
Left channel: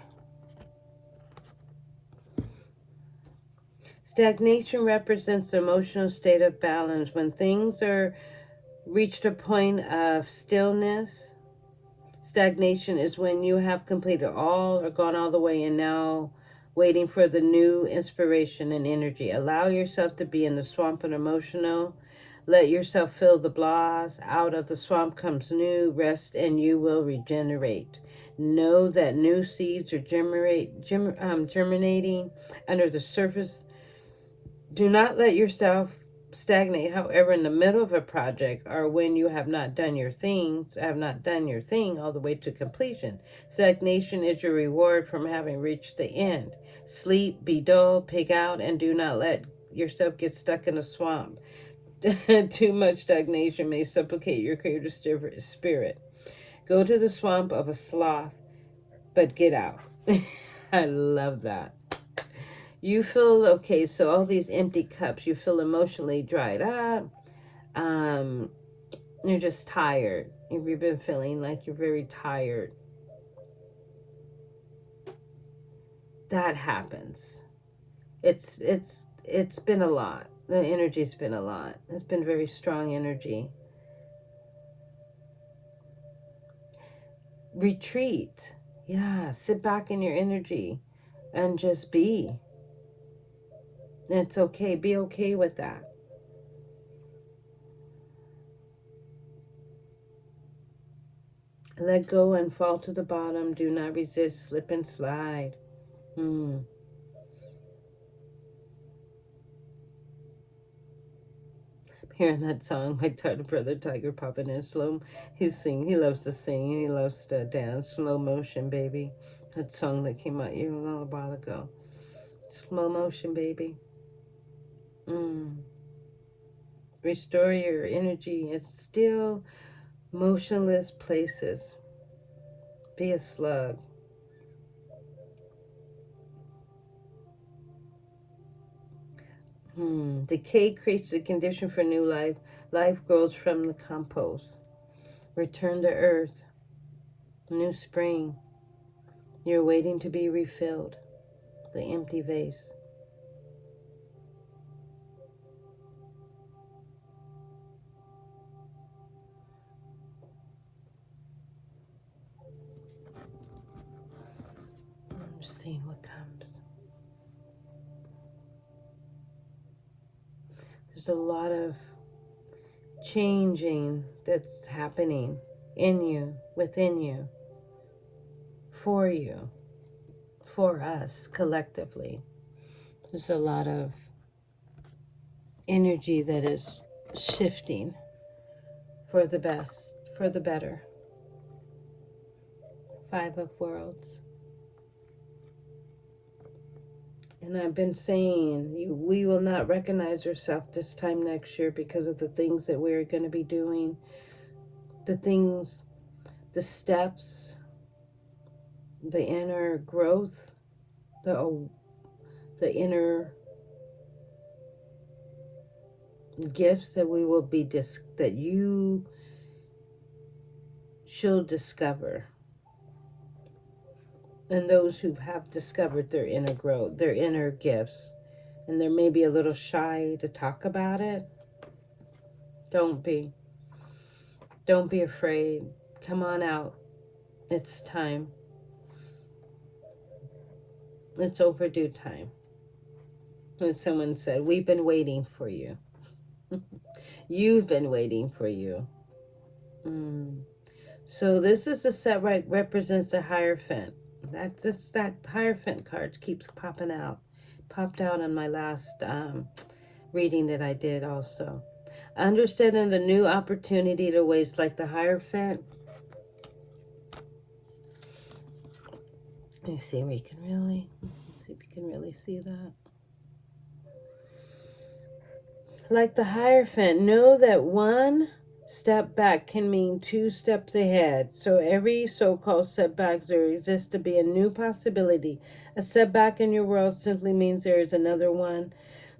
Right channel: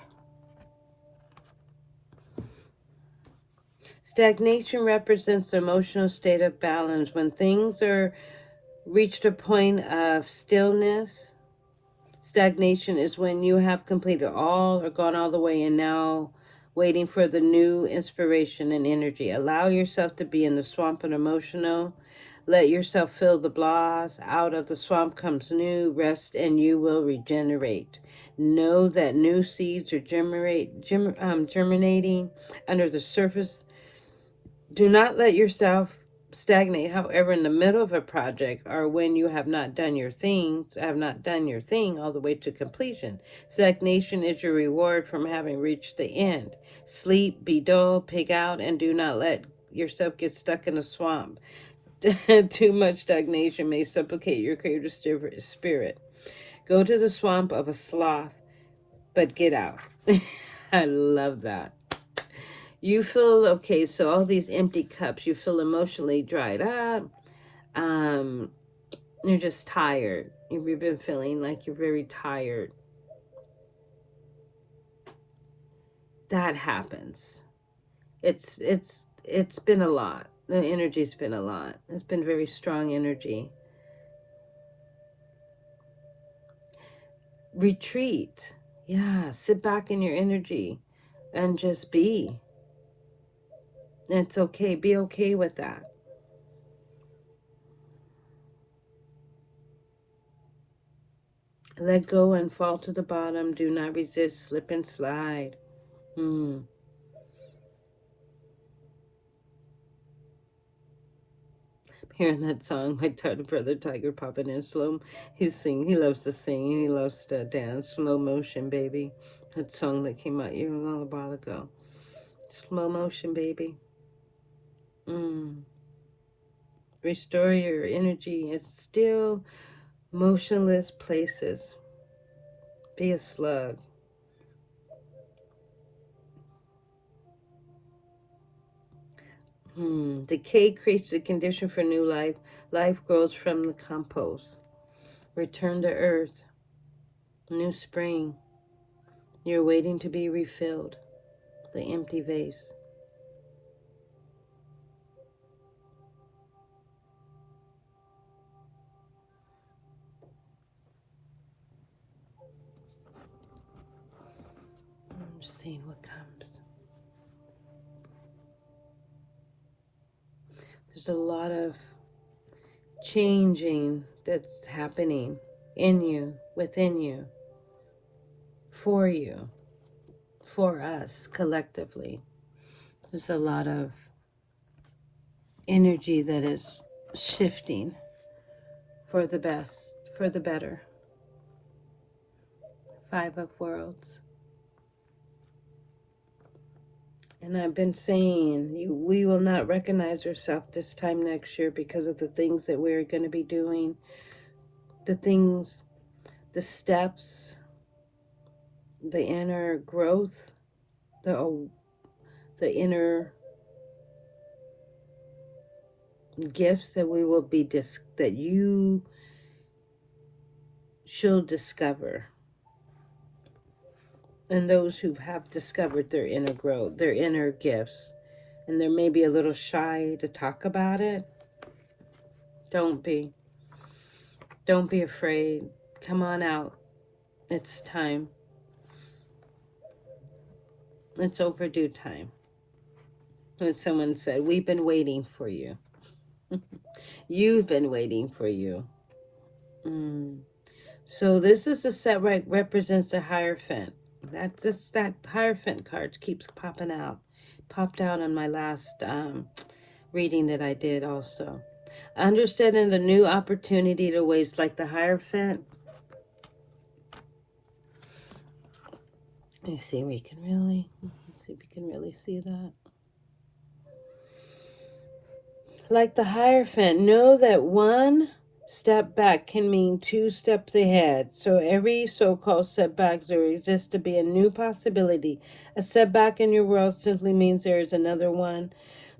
Stagnation represents the emotional state of balance when things are reached a point of stillness. Stagnation is when you have completed all or gone all the way and now waiting for the new inspiration and energy. Allow yourself to be in the swamp and emotional. Let yourself feel the blahs. Out of the swamp comes new rest and you will regenerate. Know that new seeds are germinating under the surface. Do not let yourself stagnate, however, in the middle of a project or when you have not done your thing all the way to completion. Stagnation is your reward from having reached the end. Sleep, be dull, pig out, and do not let yourself get stuck in a swamp. Too much stagnation may supplicate your creative spirit. Go to the swamp of a sloth, but get out. I love that. You feel, okay, so all these empty cups, you feel emotionally dried up. Um, you're just tired. You've been feeling like you're very tired. That happens. It's been a lot. The energy's been a lot. It's been very strong energy. Retreat. Yeah, sit back in your energy and just be. It's okay. Be okay with that. Let go and fall to the bottom. Do not resist. Slip and slide. Hmm. Hearing that song, my tiny brother Tiger popping in slow. He loves to sing, and he loves to dance. Slow motion, baby. That song that came out even a little while ago. Slow motion, baby. Mm. Restore your energy in still, motionless places. Be a slug. Decay creates the condition for new life. Life grows from the compost. Return to earth. New spring. You're waiting to be refilled. The empty vase. I'm just seeing what comes. There's a lot of changing that's happening in you, within you, for us collectively. There's a lot of energy that is shifting for the best, for the better. Five of Worlds. And I've been saying, we will not recognize ourselves this time next year because of the things that we're going to be doing, the things, the steps, the inner growth, the inner gifts that we will be that you shall discover, and those who have discovered their inner growth, their inner gifts, and they're maybe a little shy to talk about it. Don't be afraid. Come on out. It's time. It's overdue time. When someone said, we've been waiting for you. You've been waiting for you. So this is a set right represents the Hierophant. That's just that Hierophant card keeps popping out. Popped out in my last reading that I did also. Understanding the new opportunity to waste, like the Hierophant. Let me see if we can really, see that. Like the Hierophant, know that one step back can mean two steps ahead. So every so-called setback there exists to be a new possibility. A setback in your world simply means there is another one.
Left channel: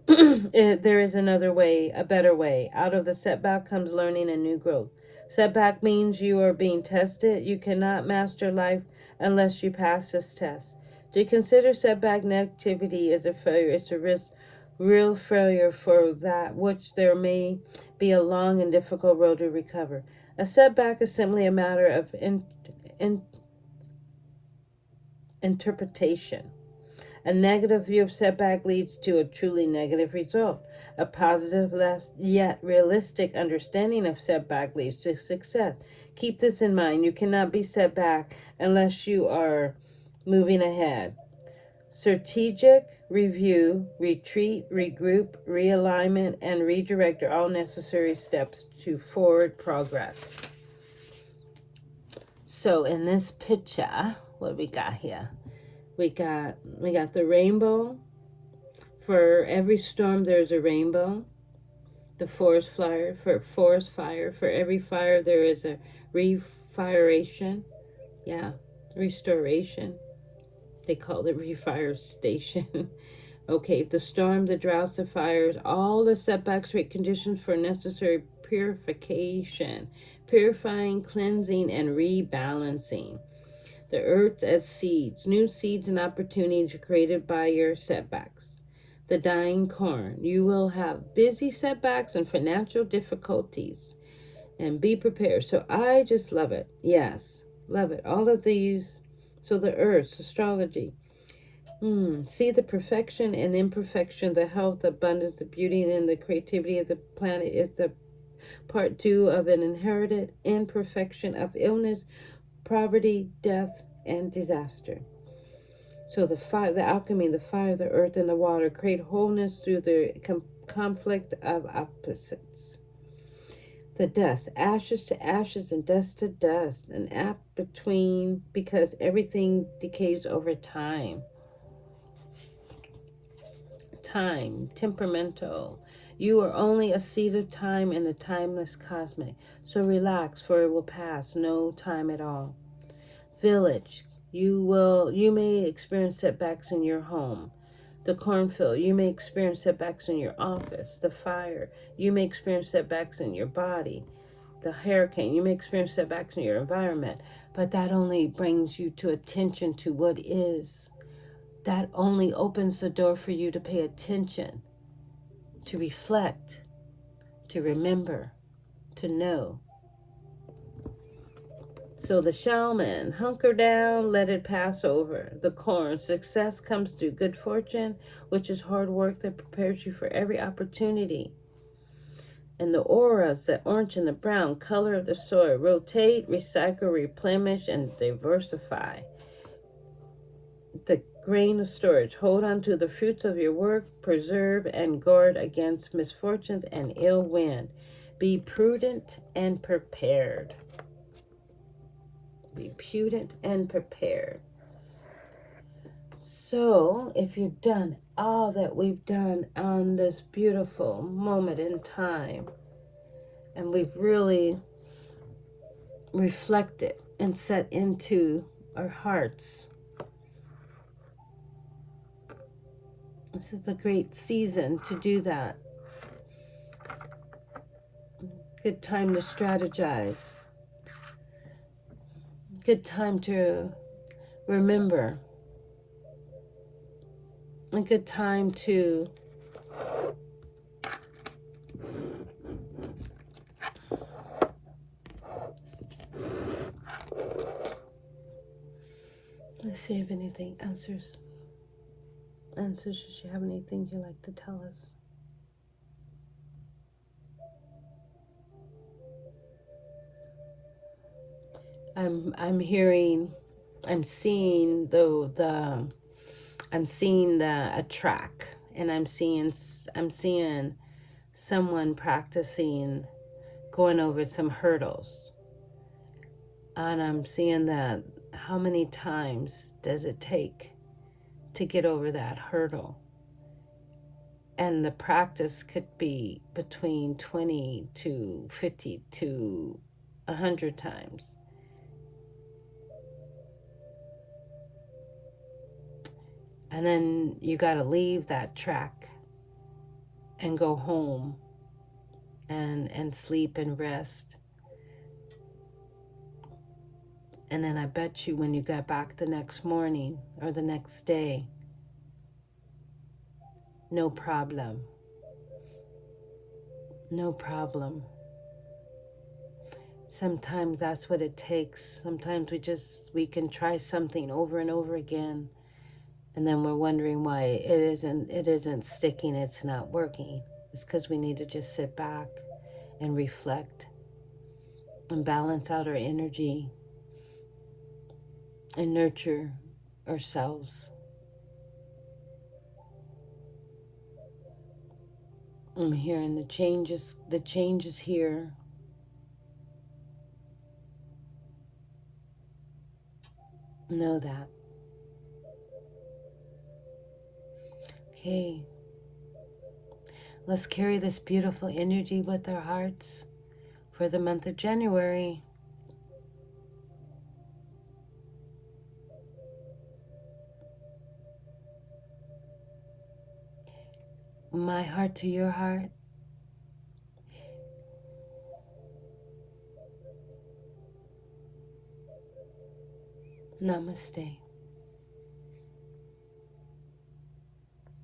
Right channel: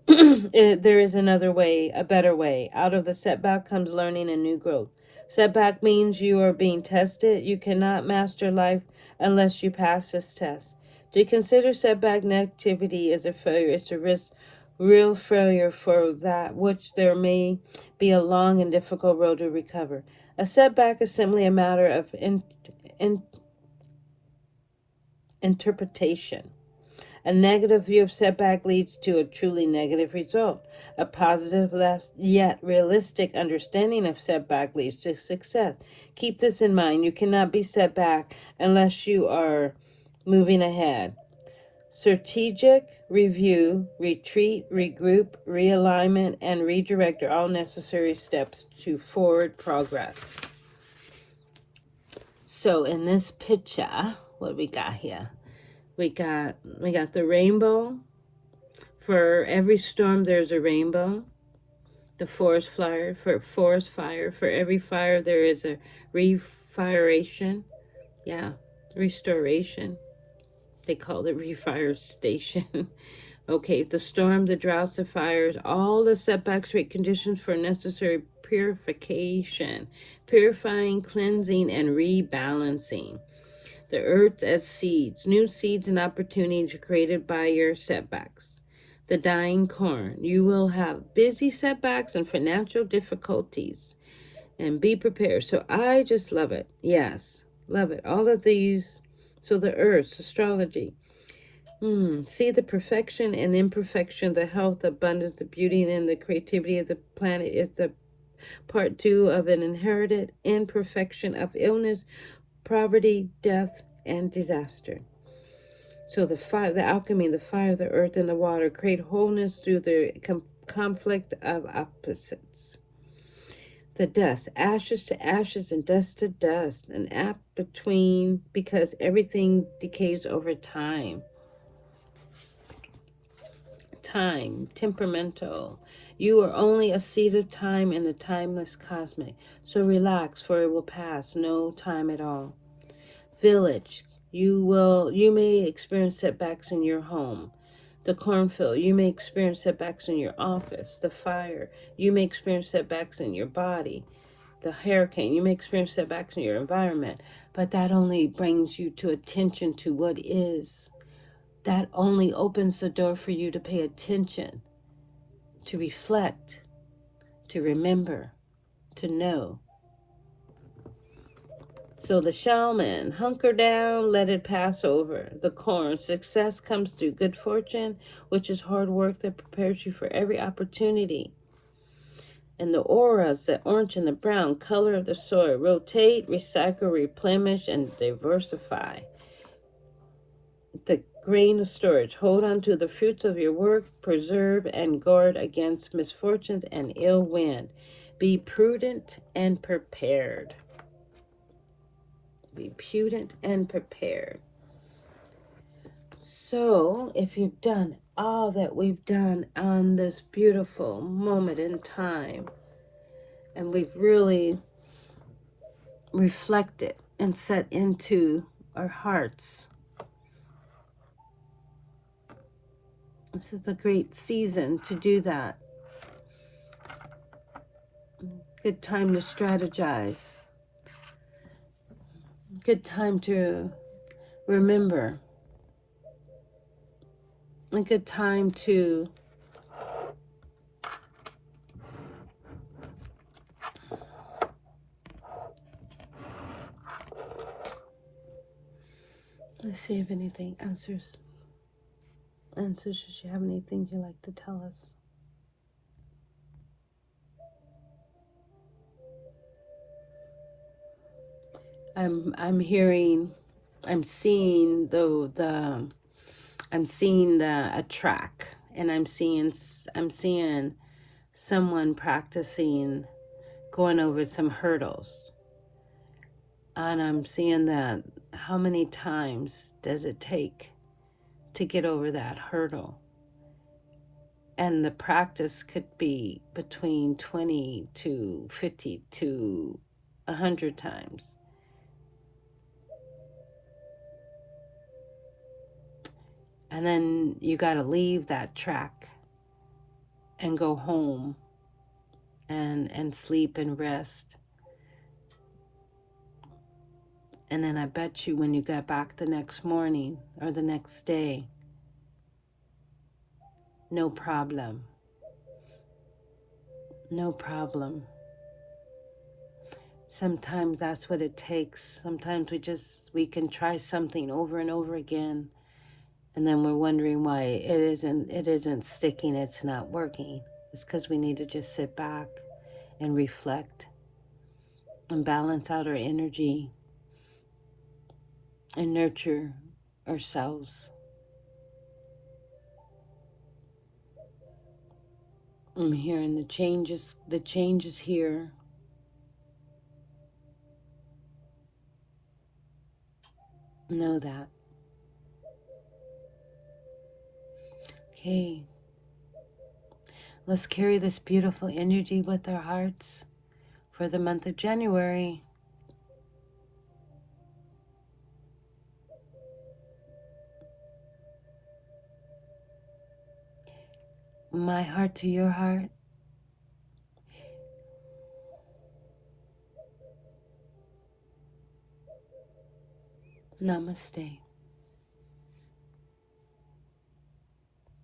There is another way, a better way. Out of the setback comes learning and new growth. Setback means you are being tested. You cannot master life unless you pass this test. To consider setback negativity as a failure is a real failure for that which there may be a long and difficult road to recover. A setback is simply a matter of interpretation. A negative view of setback leads to a truly negative result. A positive yet realistic understanding of setback leads to success. Keep this in mind. You cannot be set back unless you are moving ahead. Strategic review, retreat, regroup, realignment, and redirect are all necessary steps to forward progress. So in this picture, what we got here? We got the rainbow. For every storm, there's a rainbow. The forest fire. For every fire, there is a refiration. Yeah, restoration. They call it refire station. Okay, the storm, the droughts, the fires, all the setbacks create conditions for necessary purification, purifying, cleansing, and rebalancing. The earth as seeds, new seeds and opportunities created by your setbacks. the dying corn. You will have busy setbacks and financial difficulties, and be prepared. So I just love it. Yes, love it. All of these. So the earth, astrology. See the perfection and imperfection, the health, the abundance, the beauty, and the creativity of the planet is the part two of an inherited imperfection of illness, poverty, death, and disaster. So the fire, the alchemy, the fire, the earth, and the water create wholeness through the conflict of opposites. The dust, ashes to ashes and dust to dust, an app between because everything decays over time. Time, temperamental. You are only a seed of time in the timeless cosmic. So relax, for it will pass. No time at all. Village. You may experience setbacks in your home. The cornfield. You may experience setbacks in your office. The fire. You may experience setbacks in your body. The hurricane. You may experience setbacks in your environment. But that only brings you to attention to what is. That only opens the door for you to pay attention, to reflect, to remember, to know. So the shaman, hunker down, let it pass over. The corn, success comes through good fortune, which is hard work that prepares you for every opportunity. And the auras, the orange and the brown, color of the soil, rotate, recycle, replenish, and diversify. The grain of storage, hold on to the fruits of your work, preserve and guard against misfortunes and ill wind. Be prudent and prepared. Be prudent and prepared. So, if you've done all that we've done on this beautiful moment in time, and we've really reflected and set into our hearts, this is a great season to do that. Good time to strategize. Good time to remember. A good time to let's see if anything answers. Should you have anything you'd like to tell us? I'm hearing, I'm seeing a track, and I'm seeing someone practicing going over some hurdles, and I'm seeing that how many times does it take to get over that hurdle? And the practice could be between 20 to 50 to 100 times. And then you got to leave that track and go home and sleep and rest. And then I bet you when you get back the next morning or the next day, no problem. No problem. Sometimes that's what it takes. Sometimes we can try something over and over again, and then we're wondering why it isn't sticking, it's not working. It's because we need to just sit back and reflect and balance out our energy and nurture ourselves. I'm hearing the changes here. Know that. Okay. Let's carry this beautiful energy with our hearts for the month of January. My heart to your heart. Namaste.